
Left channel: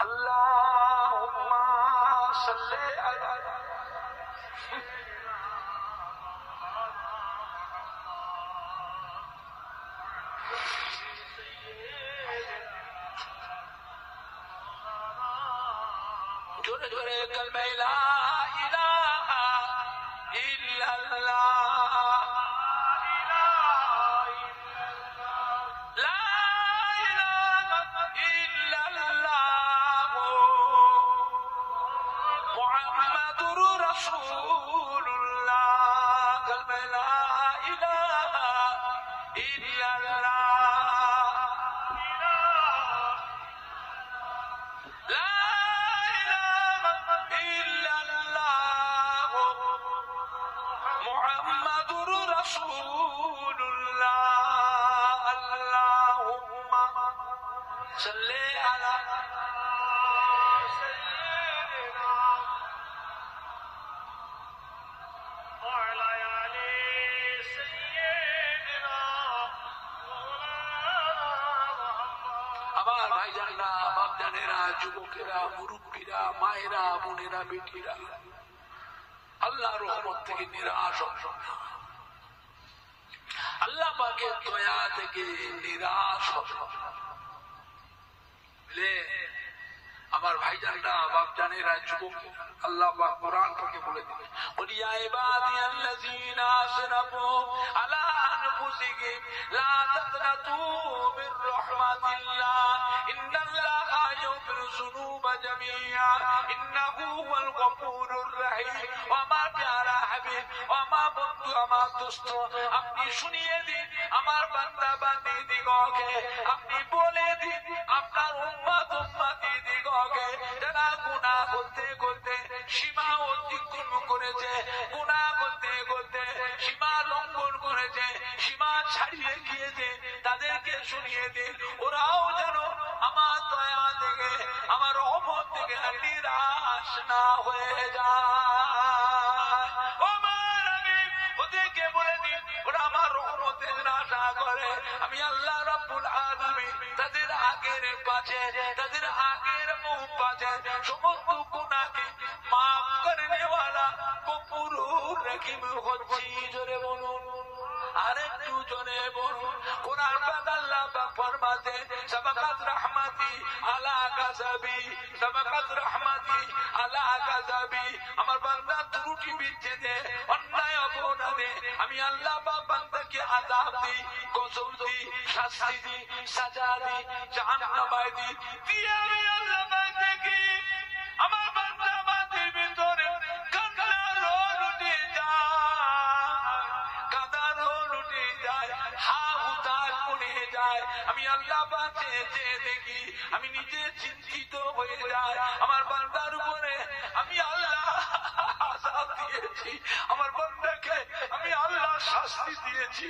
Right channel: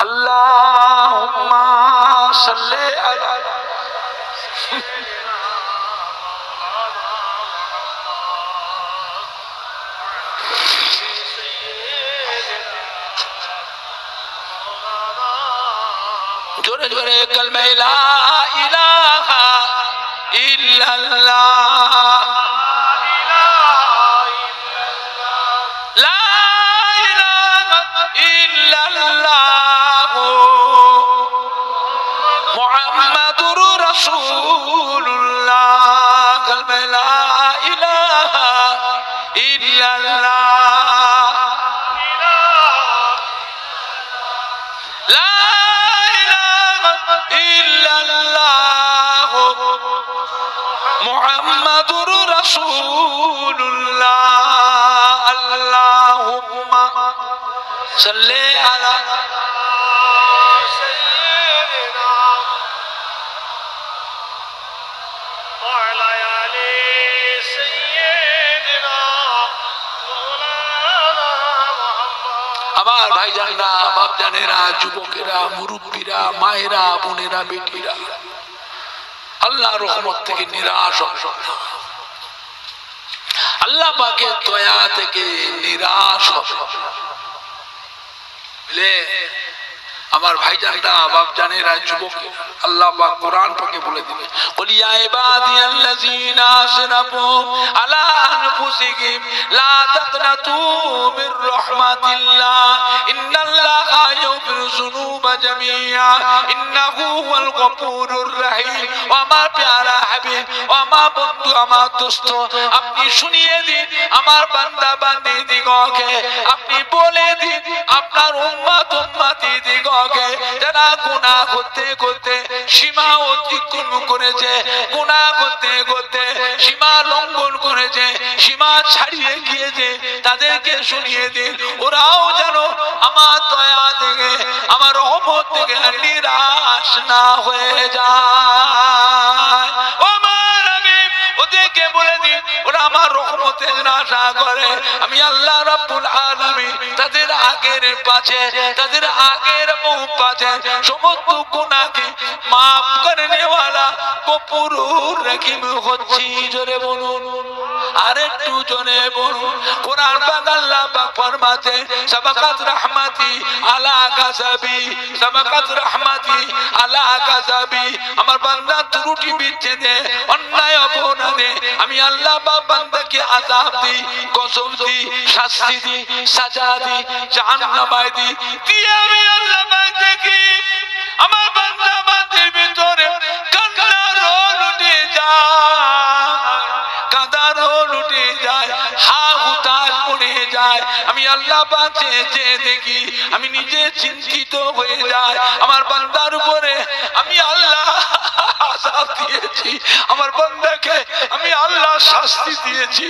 আল্লাহুম্মা সাল্লি আলা জোরে জোরে কালমা লা ইলাহা ইল্লাল্লাহ, লা ইলাহা ইল্লাল্লাহ মুহাম্মাদুর রাসূলুল্লাহ। কালমা লা ইলাহা ইল্লাল্লাহ, লা ইল্লাল্লাহ মুহাম্মাদুর রাসূলুল্লাহ। আল্লাহুম্মা সাল্লি আলা সাইয়্যিদিনা ওয়া আলা আলি সাইয়্যিদিনা মাওলানা মুহাম্মদ। আমার ভাইজানেরা, বাপজানেরা, যুবকেরা, মুরব্বীরা, মায়েরা, বোনেরা, বেটিরা, আল্লাহর রহমত থেকে নিরাশ হবেন না, আল্লাহ পাকের দয়া থেকে নিরাশ ले আমার ভাইজানরা বাপ জানেরা যুবক আল্লাহ পাক কোরআন পাকে বলে দিবেন কুল ইয়া ইবাদিয়াল্লাযিনা আসরাফু আলা আনফুসিহিম লা তাকনাতু মির রাহমাতিল্লাহ ইন্নাল্লাহা ইয়াগফিরু যুনুবা জামিআ ইন্নাহু হুয়াল গফুরুর রহিম ওয়া মা প্যারা হাবিব ওয়া মা বন্ধু আমার দোস্ত আপনি শুনিয়ে দিন আমার বান্দা বান্দীদিগকে আপনি বলে দিন আপনার উম্মত উম্মতি দিগকে যারা গুনাহ করতে করতে সীমা অতিক্রম করেছে গুনাহ করতে করতে সীমা লঙ্ঘন করেছে সীমা ছাড়িয়ে গিয়েছে তাদেরকে শুনিয়ে দিন ওরাও যেন আমার দয়া থেকে আমার রহমত থেকে নিরাশ না হয়ে যায় ও আমার হাবিব ওদেরকে বলে দিন ওরা আমার রহমতের আশা করে আমি আল্লাহ রাব্বুল আলামিন তাদের আগের পাছে তাদের আগের মুখ পাছে সমস্ত গুনাহকে maaf करने वाला গফুরুর রহিম হচ্ছি জোরে বলুন আরেকটু জোরে বলুন কোরআন পাক আল্লাহ পাক ফরমাতে সাবাকাত রাহমাতি আলা গাযাবি সাবাকাত রাহমাতি আলা গাযাবি আমার বান্দা ত্রুটি বিচ্ছেদে অন্যায় অপরাধে আমি আল্লাহ পাক বান্দাকে আযাব দিই গজব দিই শাস্তি দিই সাজা দিই জাহান্নামে দিই দিয়ে আমি আল্লাহ পাক দেখি আমার বান্দা বান্দির ভিতরে কান্নার রোল উঠে যায় কাঁদার রোল উঠে যায় হা হুতাশ পড়ে যায় আমি আল্লাহ পাক চেয়ে দেখি আমি নিজে চিন্তিত হয়ে যাই আমার বান্দার উপরে আমি আল্লাহ আযাব দিয়েছি আমার বান্দাকে আমি আল্লাহ শাস্তি দিয়েছি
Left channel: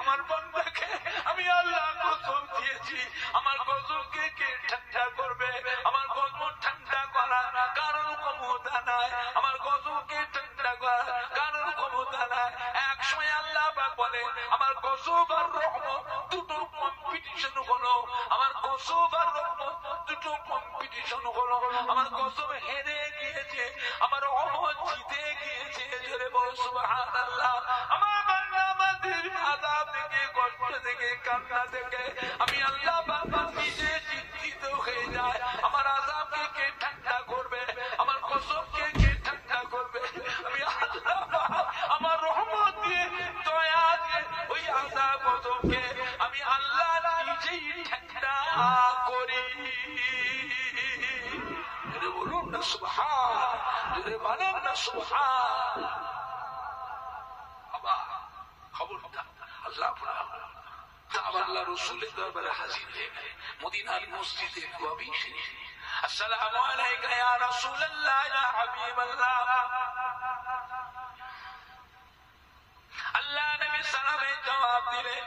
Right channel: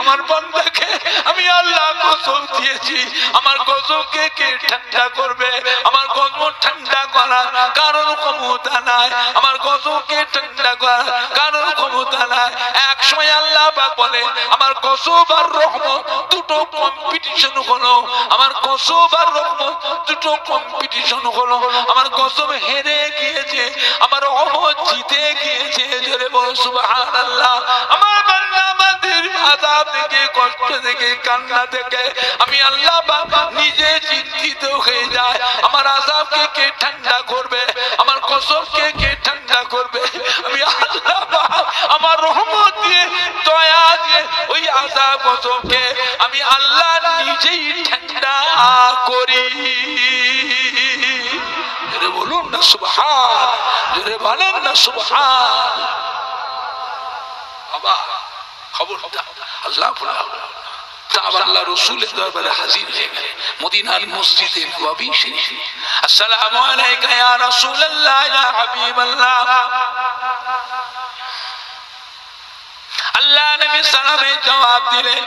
আমার বান্দাকে আমি আল্লাহ গজব দিয়েছি আমার গজবকে কে ঠান্ডা করবে আমার গজব ঠান্ডা করার কারণ ক্ষমতা নাই আমার গজবকে ঠান্ডা করার কারণ ক্ষমতা নাই এক সময় আল্লাহ পাক বলে আমার গজব আর রহমত দুটো কম্পিটিশন হলো আমার গজব আর রহমত দুটো কম্পিটিশন হলো আমার গজব হেরে গিয়েছে আমার রহমত জিতে গিয়েছে জোরে বল সুবহানাল্লাহ আমার বান্দা বান্দির আযাব থেকে কষ্ট থেকে কান্না থেকে আমি আল্লাহ পাক নিজে চিন্তিত হয়ে যায় আমার আযাবকে কে ঠান্ডা করবে আমার গজবকে কে ঠান্ডা করবে আমি আল্লাহ পাক আমার রহমত দিয়ে দয়া দিয়ে ওই আযাব গজবকে আমি আল্লাহ নিজেই ঠান্ডা করি জোরে বলুন না সুবহান জোরে বলেন না সুবহান বাবা খবরদার আল্লাহ বলা আল্লাহ রাসূলের দরবারে হাজির হয়ে গেলেন মদিনার মসজিদে নববী শরীফে আসসালামু আলাইকা ইয়া রাসূলুল্লাহ ইয়া হাবিবাল্লাহ আল্লাহ নবী সালামের জবাব দিলেন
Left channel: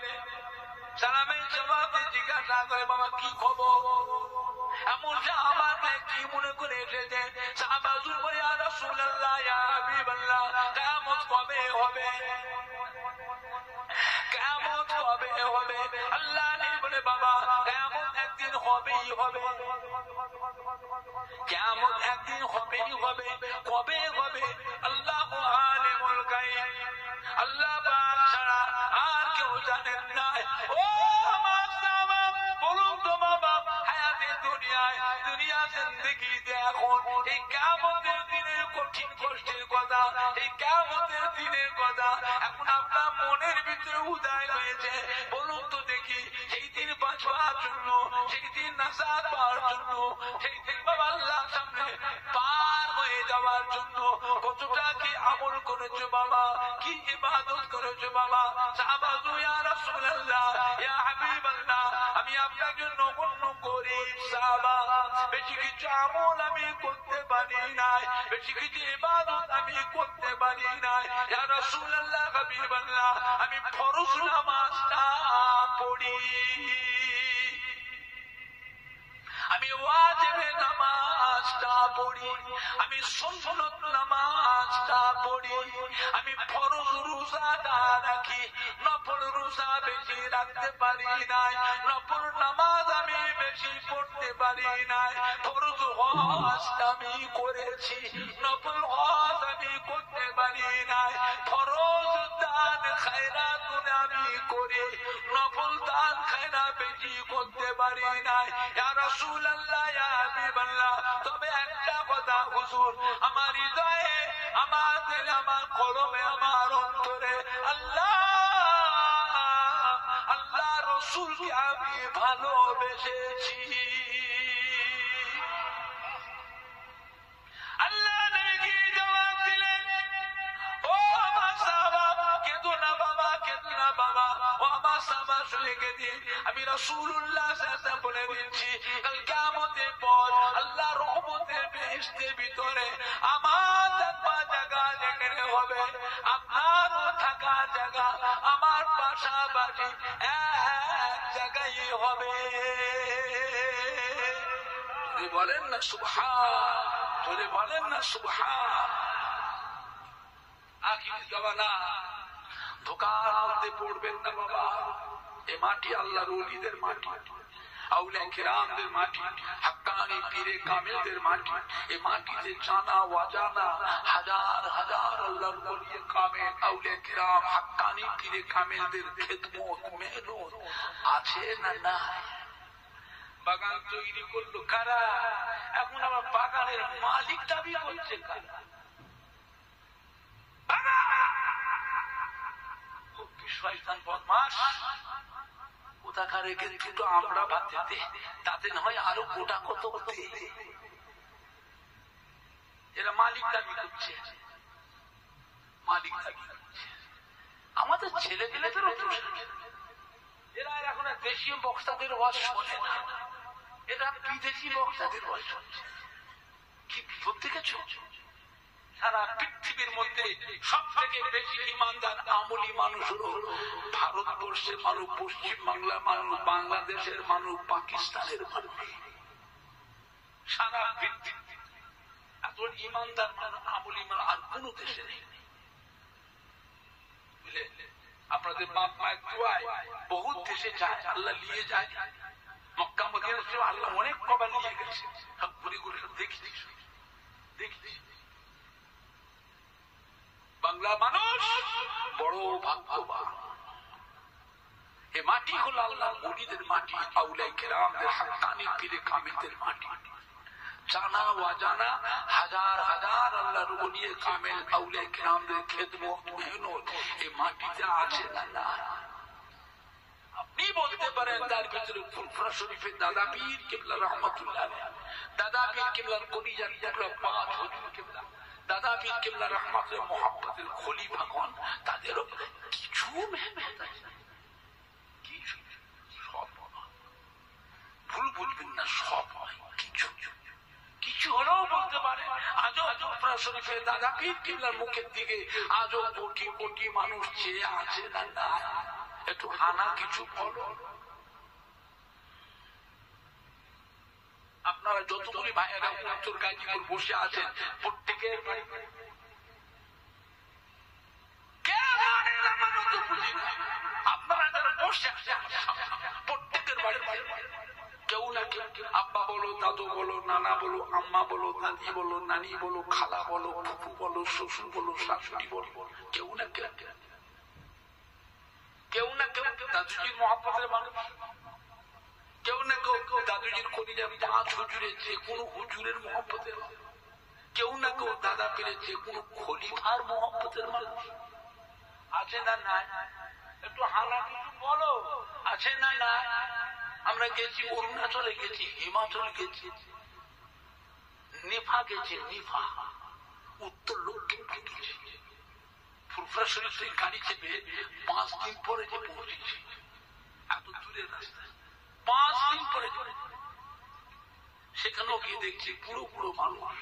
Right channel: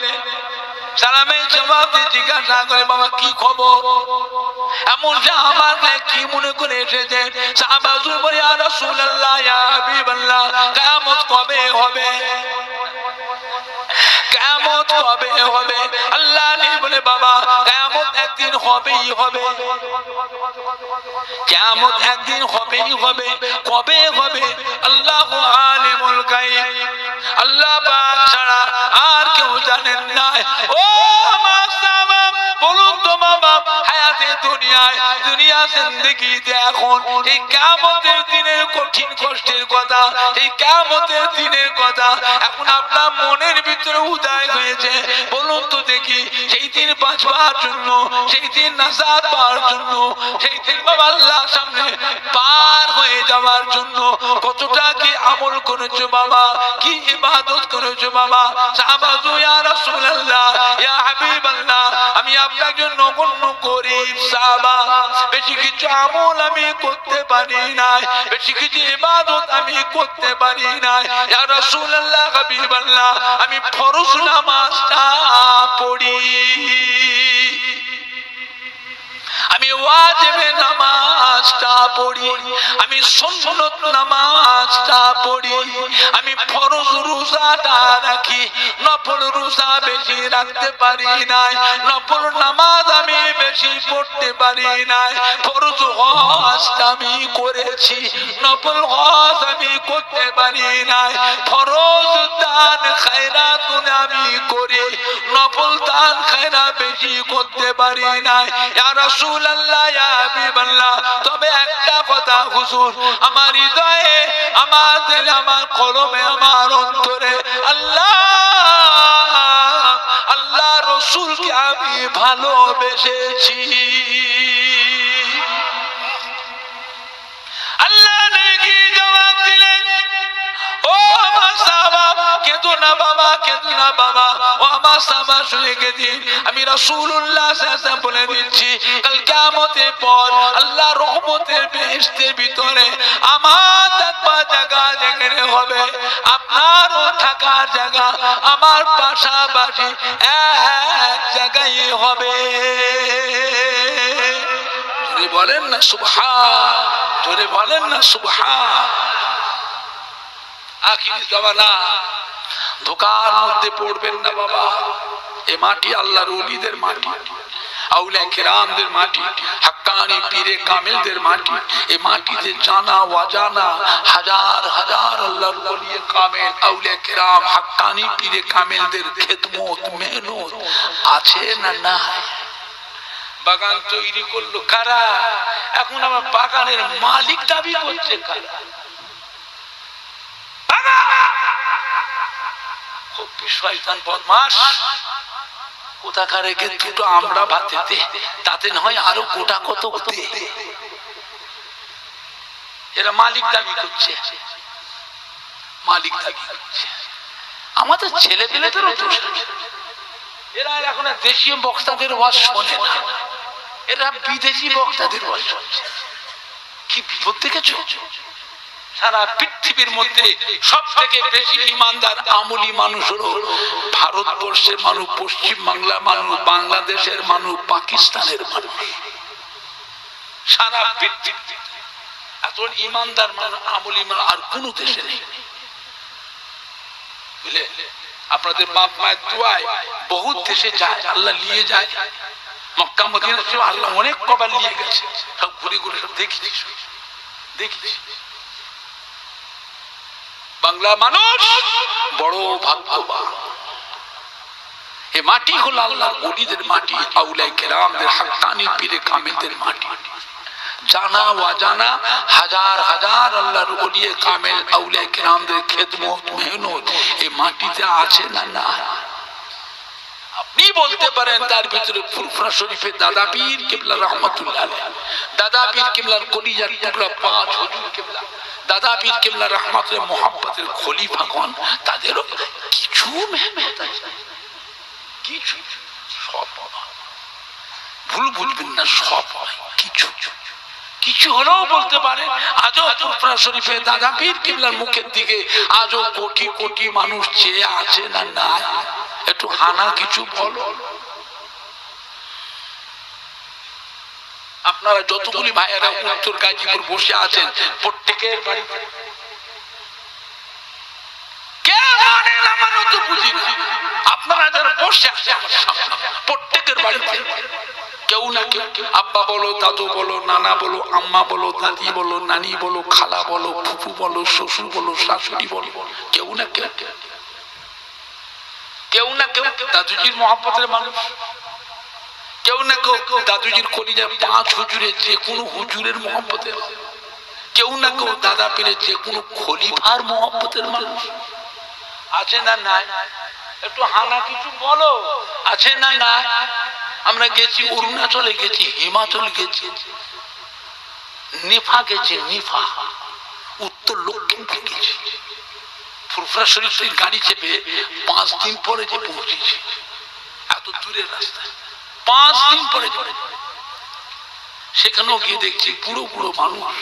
সালামের জবাব দিয়ে জিজ্ঞাসা করে বাবা কি খবর এমন আমার কি মনে করে এসেছেন সাহাবা হুজুর বলে ইয়া রাসূলুল্লাহ ইয়া হাবিবাল্লাহ কিয়ামত কবে হবে কিয়ামত কবে হবে আল্লাহ নবী বলে বাবা কিয়ামত একদিন হবেই হবে কিয়ামত একদিন হবেই হবে কবে হবে আল্লাহু আলিমুল গায়ব আল্লাহ পাক ছাড়া আর কেউ জানেন না ও মাসামা বলুন তো বাবা হায়াতে দুনিয়ায় দুনিয়া জিন্দেগিতে এখন এই কিয়ামতের দিনের কঠিন কষ্টের কথা এই কিয়ামতের দিনের কথা এখন আপনার মনের ভিতরে উদয় হয়েছে বলুন তো দেখি সেই দিন বাঁচবার জন্য সেই দিন নাজাত পাওয়ার জন্য সেই দিন বাবা আল্লাহর সামনে পার হয়ে যাওয়ার জন্য কতটা কি আমল করেছো বাবা কি ইবাদত করেছো বাবা সাহাবা ইয়া রাসূলুল্লাহ ইয়া হাবিবাল্লাহ আমি আপনার জন্য নগণ্য গরীব সাহাবা বেশি কিছু আমল আমি করতে পারি নাই বেশি কিছু ইবাদত আমি করতে পারি নাই ইয়া রাসূলুল্লাহ হাবিবাল্লাহ আমি ফরজ নামাজটা পড়ি আমি ওয়াজিব নামাজটা পড়ি আমি সুন্নত নামাজটা পড়ি আমি ফরজ রোজাটা রাখি নফল রোজা বেশি রাখতে পারি নাই নফল নামাজ আমি বেশি পড়তে পারি নাই ফরজ হজটা আমি করেছি নফল হজ আমি করতে পারি নাই ফরজ দান খায় খায়রাত গুলো আমি করি, নফল দান খায়রাত বেশি করতে পারি না ইয়া রাসূলুল্লাহ ইয়া হাবিবাল্লাহ। তবে একটা কথা হুজুর, আমার হৃদয়ে, আমার দিলে, আমার কলমে, আমার অন্তরে আল্লাহ আল্লাহ রাসূলকে আমি ভালোবেসেছি। আল্লাহ নাকি জবাব দিলেন, ও আমার সাহাবা কেঁদো না বাবা, কেঁদো না বাবা, ও আমার সাহাবা শুনে গেদিন আমি রাসূলুল্লাহ সাল্লাল্লাহু আলাইহি ওয়াসাল্লাম বলে দিচ্ছি, কাল কিয়ামতের পর আল্লাহ রহমতের বেহেশতের ভিতরে আমার থাকার জায়গা যেখানে হবে, আপনারও থাকার জায়গা আমার পাশাপাশি এক জায়গায় হবে। জোরে বলেন না সুবহান, জোরে বলেন না সুবহান। আখির জামানা, ধোকার মধ্যে পড়বেন না বাবা। এ মাটি আল্লাহর ওলিদের মাটি, আউলিয়া কিরামদের মাটি, হাক্কানি পীরে কামেলদের মাটি। এই মাটিতে জানা ওয়াজানা হাজার হাজার আল্লাহর ওলি কামেল, আউলিয়া কিরাম, হাক্কানি পীরে কামেলদের খেদমত মেহনত আছে না নাই? বাগান তৈরি করলো কারা? এখন আমার বাগানের মালিক দাবি করছে কারা? শয়তান বদমাশ কোথাকার দুটো আমরা ভাতেতে, তাতে নয় আরো গোটা কত হতে। এরা মালিক দাবি করছে, মালিক দাবি করছে। আমাদের ছেলে পেলেদেরও দোষ। এরা এখন দেশীয় বক্তাদের ওয়াজ শোনে না, এরা বিদেশি বক্তাদের ওয়াজ শুনছে। কি বিপদ দেখেছ? সারা পৃথিবীর মধ্যে সব থেকে বেশি ইমানদার আমলি মানুষ হলো ভারতবর্ষের মানুষ, পশ্চিম বাংলার মানুষ, বাংলাদেশের মানুষ, পাকিস্তানের মানুষ। সারা পৃথিবীতে এত ইমানদার মানুষ, আমলি মানুষ আর কোন দেশে নেই। বুঝলে, আপনাদের বাপ মায়ের দোয়ায় বহু দেশে যায়, আল্লাহ নিয়ে যায়। মক্কা মদিনা আল্লাহ অনেক কবার নিয়ে গেছে, সব ঘুরে ঘুরে সব দেখেছি, দেখেছি। বাংলা মানুষ বড় ভাগ্যবান। এ মাটি হলো আল্লাহর ওলিদের মাটি, আউলিয়া কেরামদের, হাক্কানি পীরে কামেলদের মাটি। জানা ওয়াজানা হাজার হাজার আল্লাহর ওলি কামেল, আউলিয়া কেরামদের খেদমত মেহনত এই মাটিতে আছে না না? আপনি বলতে পারেন তার ভিতরে ফুরফুরা শরীফের দাদা পীর কিবলা রহমাতুল্লাহ আলাইহি, দাদা পীর কিবলার কলিজার টুকরা পাঁচ হুজুর কিবলা, দাদা পীর কিবলা রহমাতের মোহাব্বতের খলিফাগণ, তাদেরও কিছু মেহনত আছে, কিছু। সব ভুল বুঝবেন না, সব কিছু কিছু হলেও বলতে পারে। আজও ফুরফুরা শরীফের দাদা পীর কিবলার মুখের দিকে আজও কোটি কোটি মানুষ চেয়ে আছে না নাই? একটু হানা কিছু বলো। আপনারা যতগুলি ভাইয়েরা উত্তর গাজীপুর বসে আছেন, প্রত্যেকের বাড়িতে বুঝি না, আপনারা যারা বসে আছেন প্রত্যেকের বাড়িতে কেউ না কেউ, আব্বা বলো, দাদু বলো, নানা বলো, আম্মা বলো, দাদি বলো, নানি বলো, খালা বলো, ফুফু বলো, শ্বশুর বলো, শাশুড়ি বলো, কেউ না কেউ, কেউ না কেউ দাদুজির মহব্বতের মানুষ, কেউ না কেউ দাদুজির কলিজার পাঁচ হুজুরের যে কোনো হুজুরের মহব্বতের, কেউ না কেউ দাদা পীরের যে কোনো খলিফার মহব্বতের মানুষ আছে না নাই? একটু হানা কিছু বলো, আছে না নাই? আমরা গেছি অরুণাচলে, গেছি হিমাচল, গেছি নিফা, গেছি নিফা, উত্তর লক্ষ্মীপুর গেছি। ফুরফুরা শরীফ থেকে গাড়ি চেপে 5 দিন পরে যে পৌঁছেছি, এত দূরের রাস্তা, 5 দিন পরে। সেখানেও গিয়ে দেখছি বুড়ো বুড়ো মানুষ,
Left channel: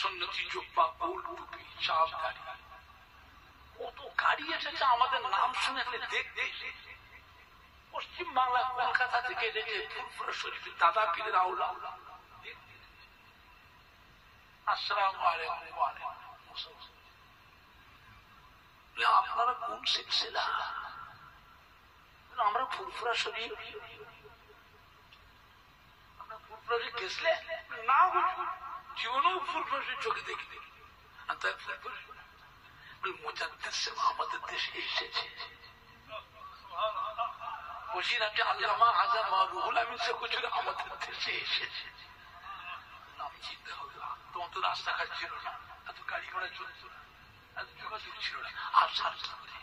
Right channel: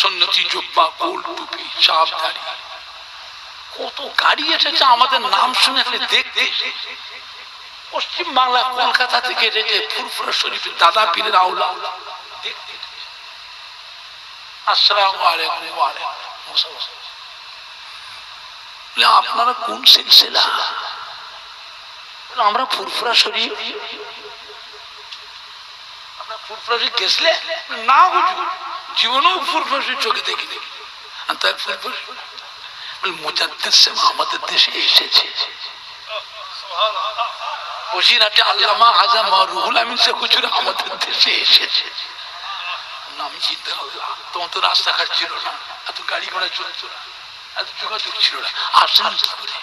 সন্ন্যতি জুব্বা, গোল টুপি, চাপ দাড়ি, কত গাড়ি এসেছে আমাদের নাম শুনে দেখতে। পশ্চিম বাংলা কলকাতা থেকে এসেছে ফুরফুরা শরীফের দাদা পীরের আওলা দেখতে। আসসালামু আলাইকুম। ওয়া আলাইকুম আসসালাম। আপনারা কোন সিলসিলা? আমরা ফুরফুরা শরীফ। আমরা ফুরফুরা শরীফ গেছলে না, জীবনেও ফুরফুরা শরীফ চোখে দেখি। মুজাদ্দিদ সাহেব আমাদের দেশে এসেছে। বসিরহাটে আল্লামা হাজা রুহুল আমিন শেখ হুজুর আমাদের দেশে এসেছে। নাম চিন্তা আল্লাহ, তোমার তো রাস্তাঘাট ছিল না, এত গাড়ি ঘোড়া চলতো না, এত যোগাযোগ ছিল না, আসেন কি করে?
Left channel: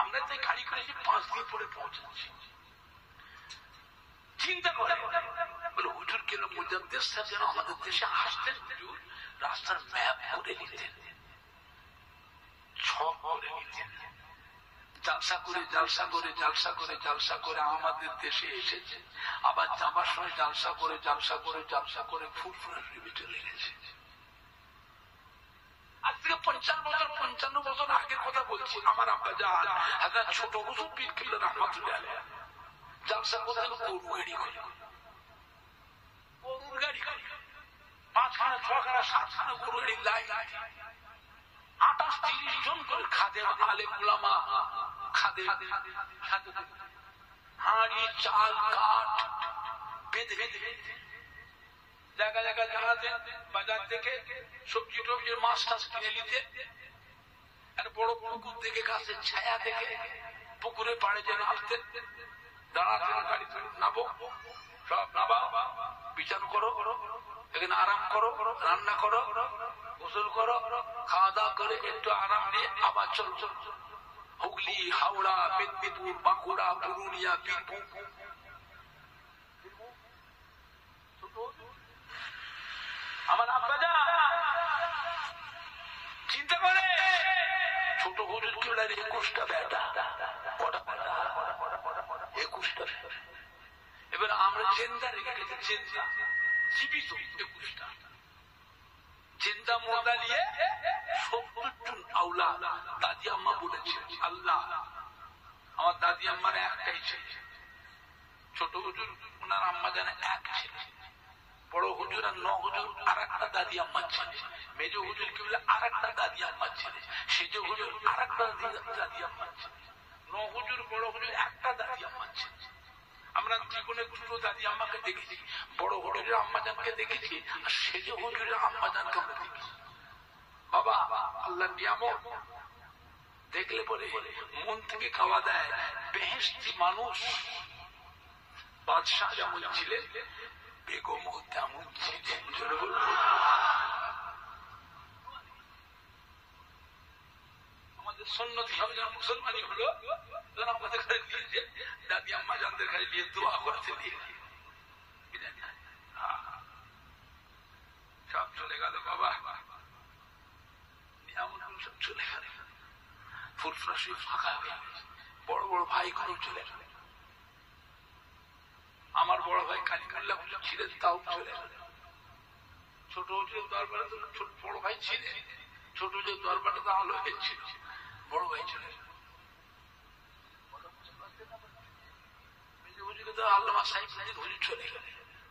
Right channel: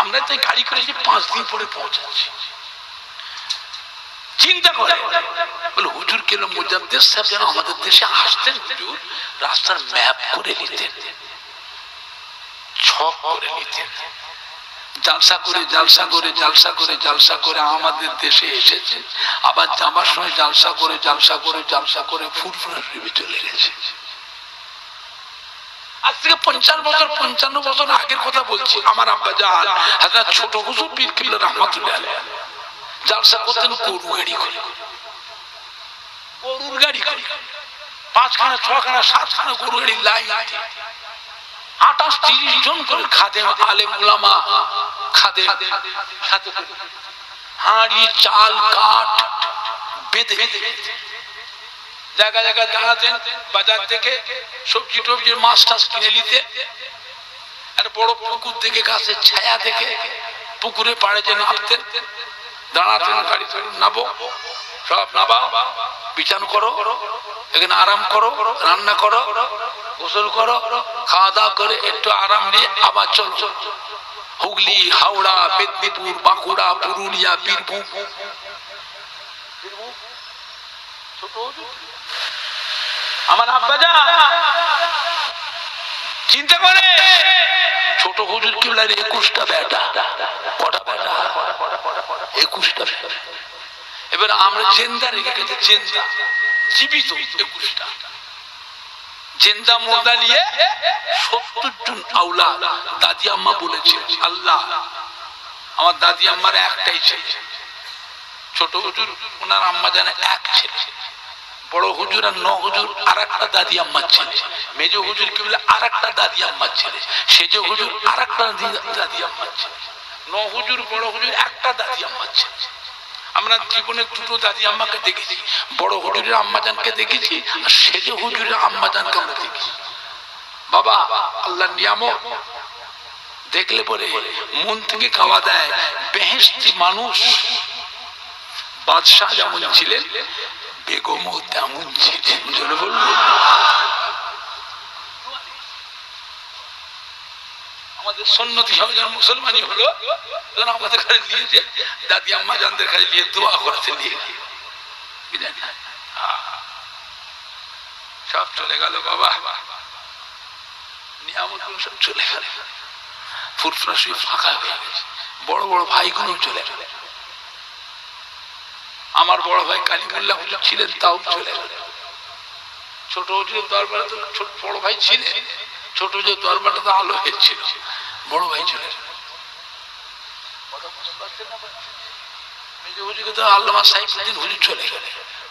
আমরা তাই গাড়ি করেছি 5 দিন পরে পৌঁছাচ্ছি। চিন্তা করে বলে হুজুর কেন মুজাদ্দিদ সাহেব যেন আমাদের দেশে আসতেন, হুজুর রাস্তার ম্যাপ করে নিতেন, ছক করে নিতেন, জালসা করে জালসা করে জালসা করে জালসা করে আমাদের দেশে এসেছে। আবার যাবার সময় জালসা করে জালসা করে জালসা করে ফুরফুরা শরীফে চলে গেছে। আজ থেকে 55 বছর আগের কথা বলছি। আমার আব্বা জান হযরত ছোট হুজুর পীর কিবলা রাহমাতুল্লাহ আলাইহি জালসা করতেন গরু গাড়ি করে, গরুর গাড়ি করে 5খানা 6খানা 7খানা গরু গাড়ি লাইন, 28-30 জন করে খাদেম আলেম উলামা খাদেম সাথে হাঁড়ি চাল কাঠ বেঁধে জায়গা জায়গা দাঁড়াতেন। বাজার থেকে সবজি টবজি মাছ টাছ কিনে নিতে, একটা বড় পুকুর থেকে গাছের ছায়া থেকে পুকুরে পাড়ে যে নামতেন, দাঁড়াতেন, গাড়ি নাবো, সব নাবা, বিছান করো, এখানে আরাম করো, রান্না করো, গোসল করো, খাওয়া দাওয়া করে একটু আরাম নিয়ে আবার চলো হুগলি, হাওড়া, মেদিনীপুর, বাঁকুড়া, পুরুলিয়া, বীরভূম। আমার আব্বাজান চিন্তা করে ছোট হুজুর কিবলার 21টা বেটা, কটা বেটা? 21টা বেটা। এবার আমরা জেন্দা রেখে গেছি, জেন্দা জীবিত 21টা জেন্দা মোর্দা নিয়ে 70 জন আউলা। দাদি আম্মা বলেছে আল্লাহ আমার দাদি আম্মার একটাই ছেলে, ছোট হুজুর ওনার আম্মা জানে এক ছেলে, বড় হুজুর আর 9 হুজুর আর একটা দাদি আম্মার ছেলে, মেজ হুজুর কি বলে আর একটা দাদি আম্মার ছেলে, সেজ হুজুর আর একটা দাদি আম্মার ছেলে, 9 হুজুর বড় হুজুর একটা দাদি আম্মার ছেলে। আমরা জীবনে 2টো দাদি আম্মাকে দেখেছি, বড় হুজুরের আম্মাজানকে দেখেছি আর সেজ হুজুরের আম্মাজানকে আমরা দেখেছি। বাবা আল্লাহর নিয়ামত দেখলে পরে মন থেকে খাওয়া দেয়। বেহেশতি মানুষ, বাদশাহ যেমন ছিলেন বেগমও তেমন ছিলেন। জোরে বলুন। আমাদের সুন্নতি সব যখন মুসলমানই হলো তখন আমাদের কাছে নিয়েছে দাদি আম্মা জানদের কাছে নিয়ে দোয়া করতে নিয়ে সব চলে গেল বাবা, নিয়ামত সব চলে গেল, ফুরফুরা শরীফ ফাঁকা হয়ে গেছে। বড় বড় ভাইগুলো চলে গেল। আমার বড় ভাই কালিমুল্লাহ হুজুর ছিলেন, তাও চলে গেল। ছোট হুজুরের দরবারে তো ছোট বড় ভাই ছিলেন, ছোট হুজুরের দরবারটা তো আলো হয়েছিল, বড় ভাই চলে গেল। মেজ হুজুরকে তো আল্লামা সাইফুদ্দিন হুজুর চলে গেল,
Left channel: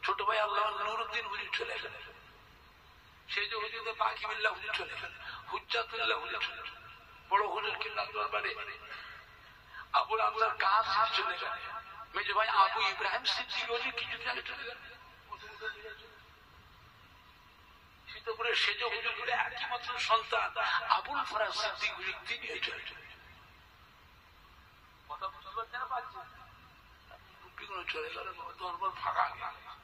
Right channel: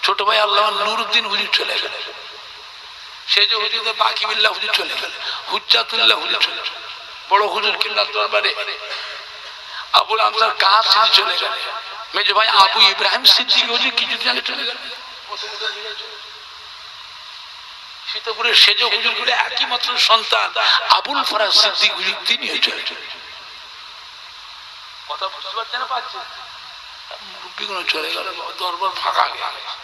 ছোট ভাই আল্লামা নুরুদ্দিন হুজুর চলে গেল, সেজ হুজুর তো বাকিবিল্লাহ হুজুর চলে গেল, হুজ্জাতুল্লাহ হুজুর চলে গেল, বড় হুজুর কিবলার দরবারে আবুল আমসার কাসিম চলে গেল, মেজ ভাই আবু ইব্রাহিম সিদ্দিক হুজুর কিছুদিন আগে চলে গেল। সীতাপুরের সেজ হুজুর গুলো একই মাত্র সন্তান আবুল ফরাজ সিদ্দিক হুজুর, তিনিও চলে গেল। কথা বুঝতে পারছেন না? পাচ্ছেন? মুরব্বীগুলো চলে গেল, দরবার ফাঁকা হয়ে গেছে,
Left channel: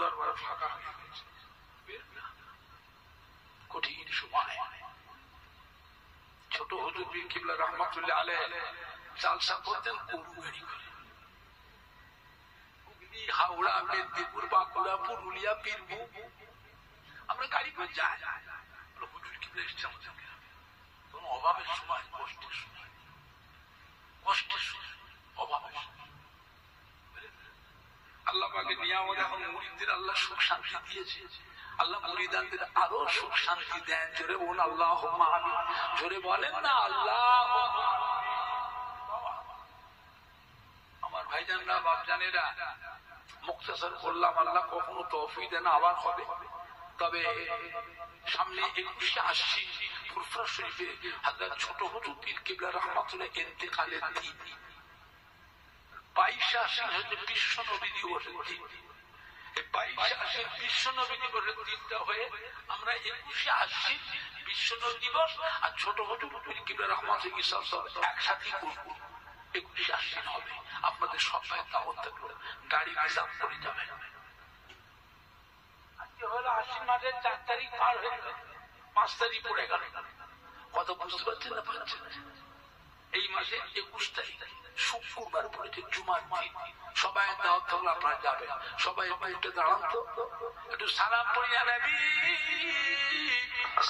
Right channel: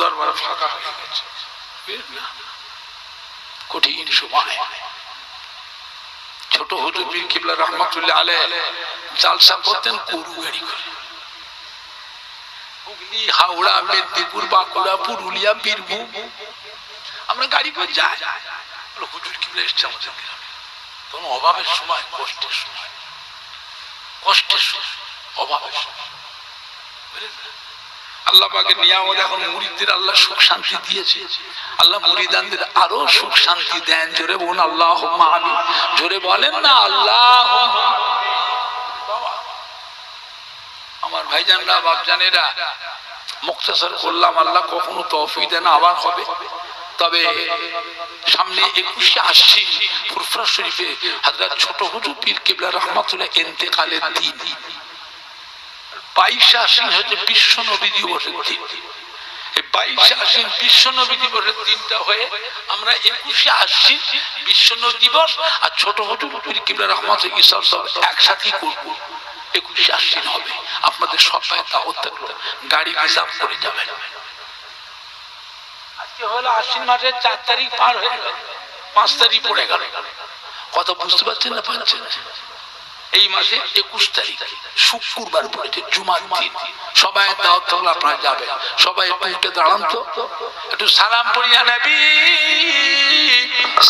দরবার ফাঁকা হয়ে গেছে। কঠিন সময়। ছোট হুজুর পীর কিবলা রাহমাতুল্লাহ আলাইহি জালসা করতেন গরু গাড়ি করে, হুগলি, হাওড়া, মেদিনীপুর, বাঁকুড়া, পুরুলিয়া, বীরভূম। আমরা গাড়ি করে যাই, হুজুর কিবলা এসছে আমাদের গ্রামে। তখন অভাবের সময়, কষ্টের সময়, কষ্টের সময়, অভাবের সময়। আল্লাহ পাকের নিয়ামত, এখন মুরিদদের আল্লাহ সুখ শান্তি দিয়েছে। আল্লাহ মুরিদানদের আরো সুখ শান্তি দেন। জোরে বলুন আল্লাহুম্মা আমিন। জোরে বলেন না আল্লাহুম্মা। আমার ভাইজানরা, বাপজানেরা, মুক্তাসর করলাম, আল্লাহ কখনো তৌফিক দেন আবার হবে। তবে সামনে 21শে আশ্বিন ফুরফুরা শরীফে হযরত ছোট হুজুর পীর কিবলা রাহমাতুল্লাহ ইন্তেকালের দিন। 22শে আশ্বিন হচ্ছে বিশ্ব নবী দিবসের দিন। এই 22 আশ্বিন বিশ্ব নবী দিবসের দিনটা হয়ে আমরা 21 আশ্বিন বিশ্ব নবী দিবস আর ছোট হুজুর পীর কিবলা রহমাতুল্লাহ ইসলাম সব একসাথেই করব। 21 আশ্বিন হবে, আপনাদের সবাই দাওয়াত থাকলো, গাড়ি রিজার্ভ করে যাবেন। আজকে হলো আশ্বিন মাসের 4 তারিখ পার হয়ে গেল, 5 তারিখ পড়ে গেল। কথা বুঝতে পারছেন না? পারছেন? এই মাসে 21 তারিখ শুক্রবার পড়েছে, জুমার দিন। সবাই দাওয়াত থাকলে আপনারা যাবেন। সবাই একটু দাঁড়ান তো, একটু সালাম পড়িয়া নবী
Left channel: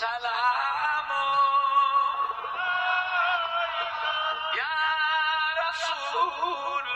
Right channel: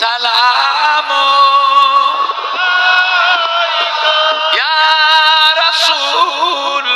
সালাম ইয়া রাসূল।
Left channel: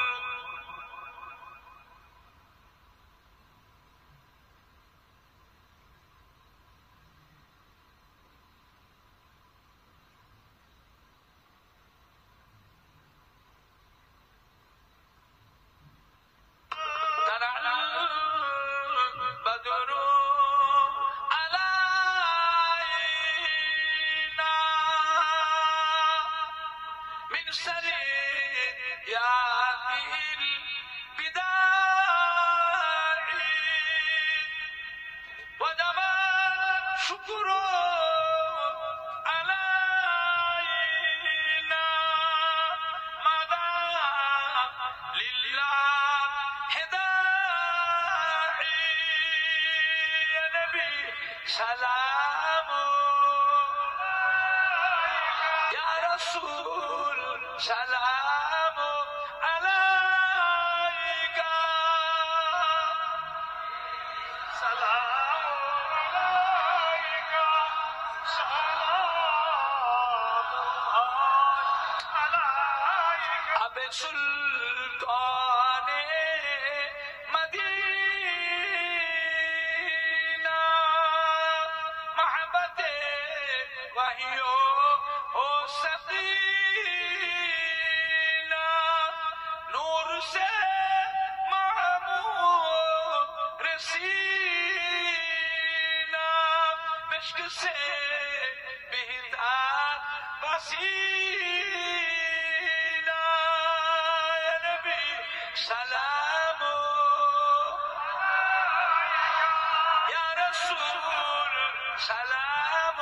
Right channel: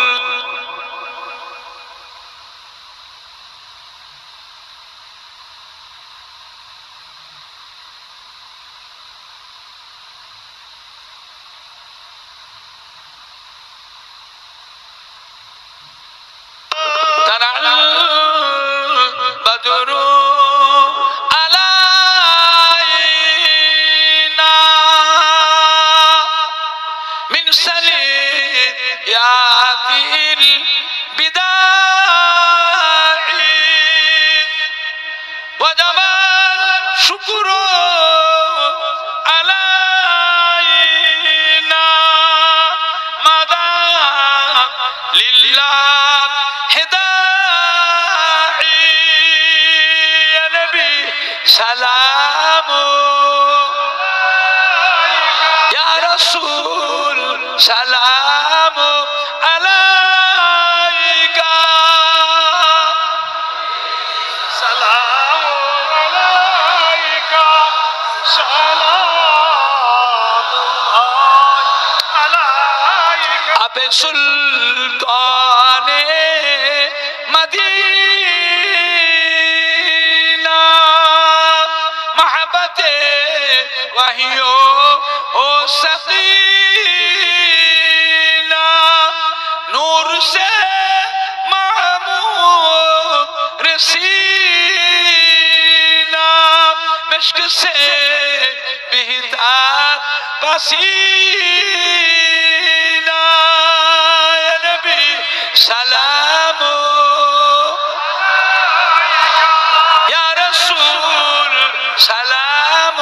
سلام يا رسول سلام عليك سلام عليك سلام عليك أبي سلطان مدينة وحيو او سقينا نور سے معمور رسینا مشک سے بہتر پسینہ یا نبی سلام یا رسول سلام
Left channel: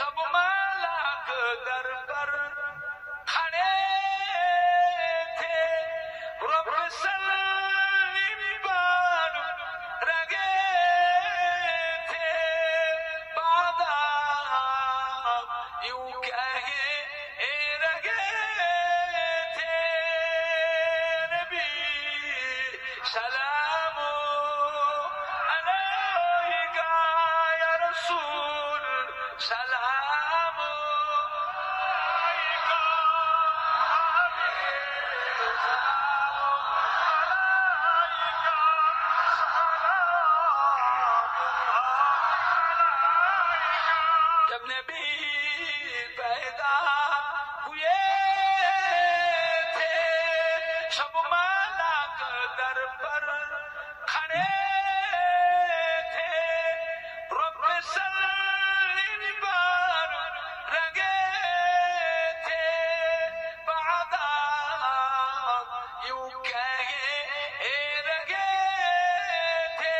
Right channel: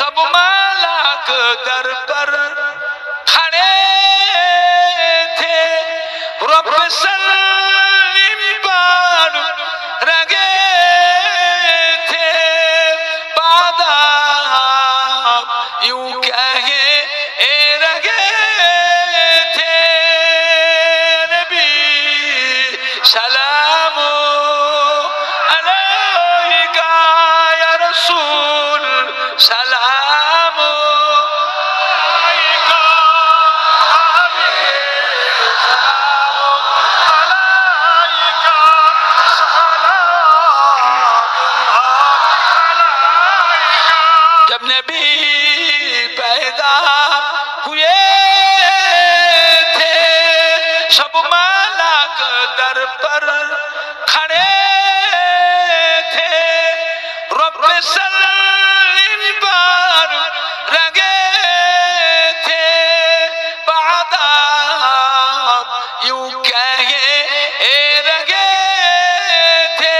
सब मालाक दर पर खड़े थे, रब सलीम पर रगे थे, बादा यूं कहे ए रगे थे। नबी सलाम अलैका या रसूल सलाम अलैका अलैका सलाम। जब नबी पैदा हुए थे, सब मालाक दर पर खड़े थे, रब सलीम पर रगे थे, बादा यूं कहे ए रगे थे।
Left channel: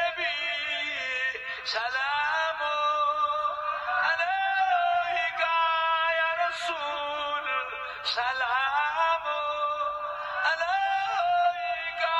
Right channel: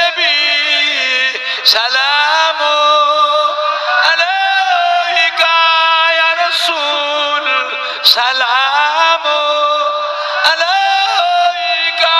नबी सलाम अलैका या रसूल सलाम अलैका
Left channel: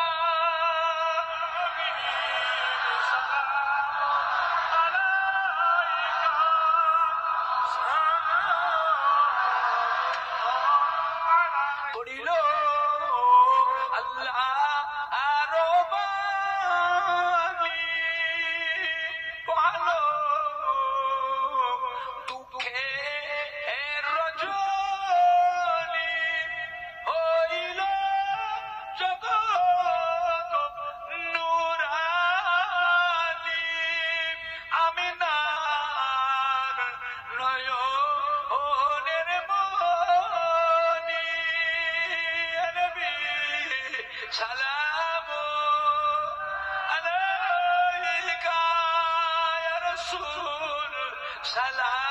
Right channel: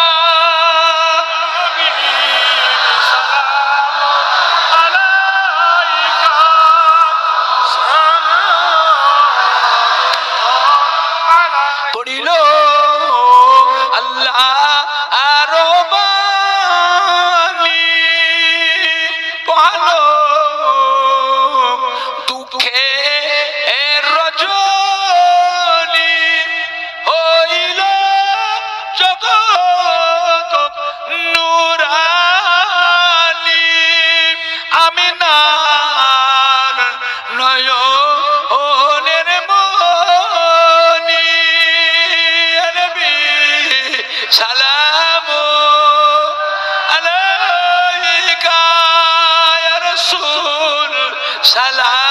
সালাম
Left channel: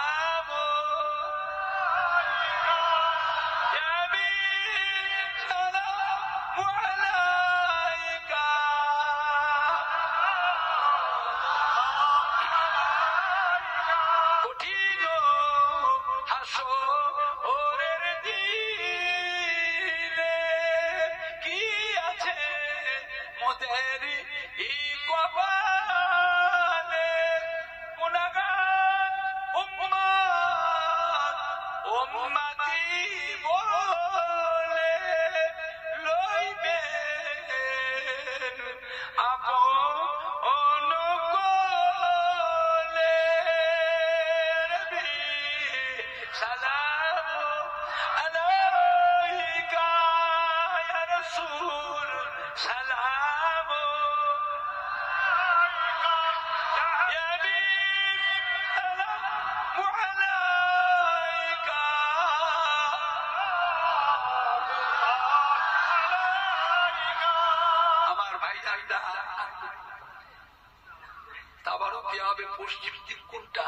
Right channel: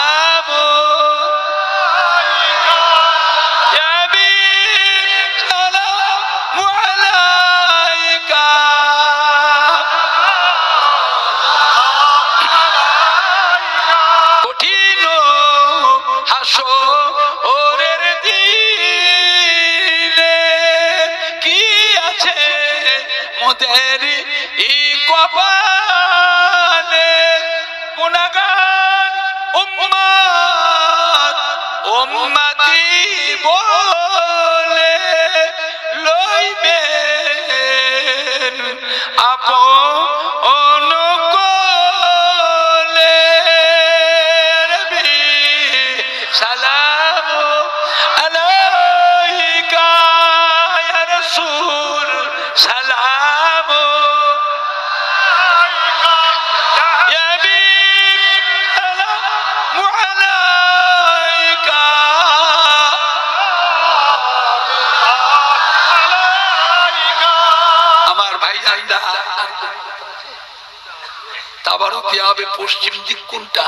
পশ্চিম দিক কোনটা?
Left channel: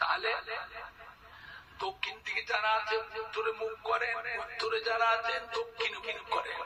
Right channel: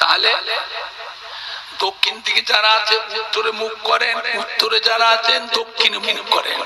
তাহলে দক্ষিণ দিকে যারা আছে উত্তরে মুখ করেন, উত্তরে যারা আছেন দক্ষিণে মুখ করেন।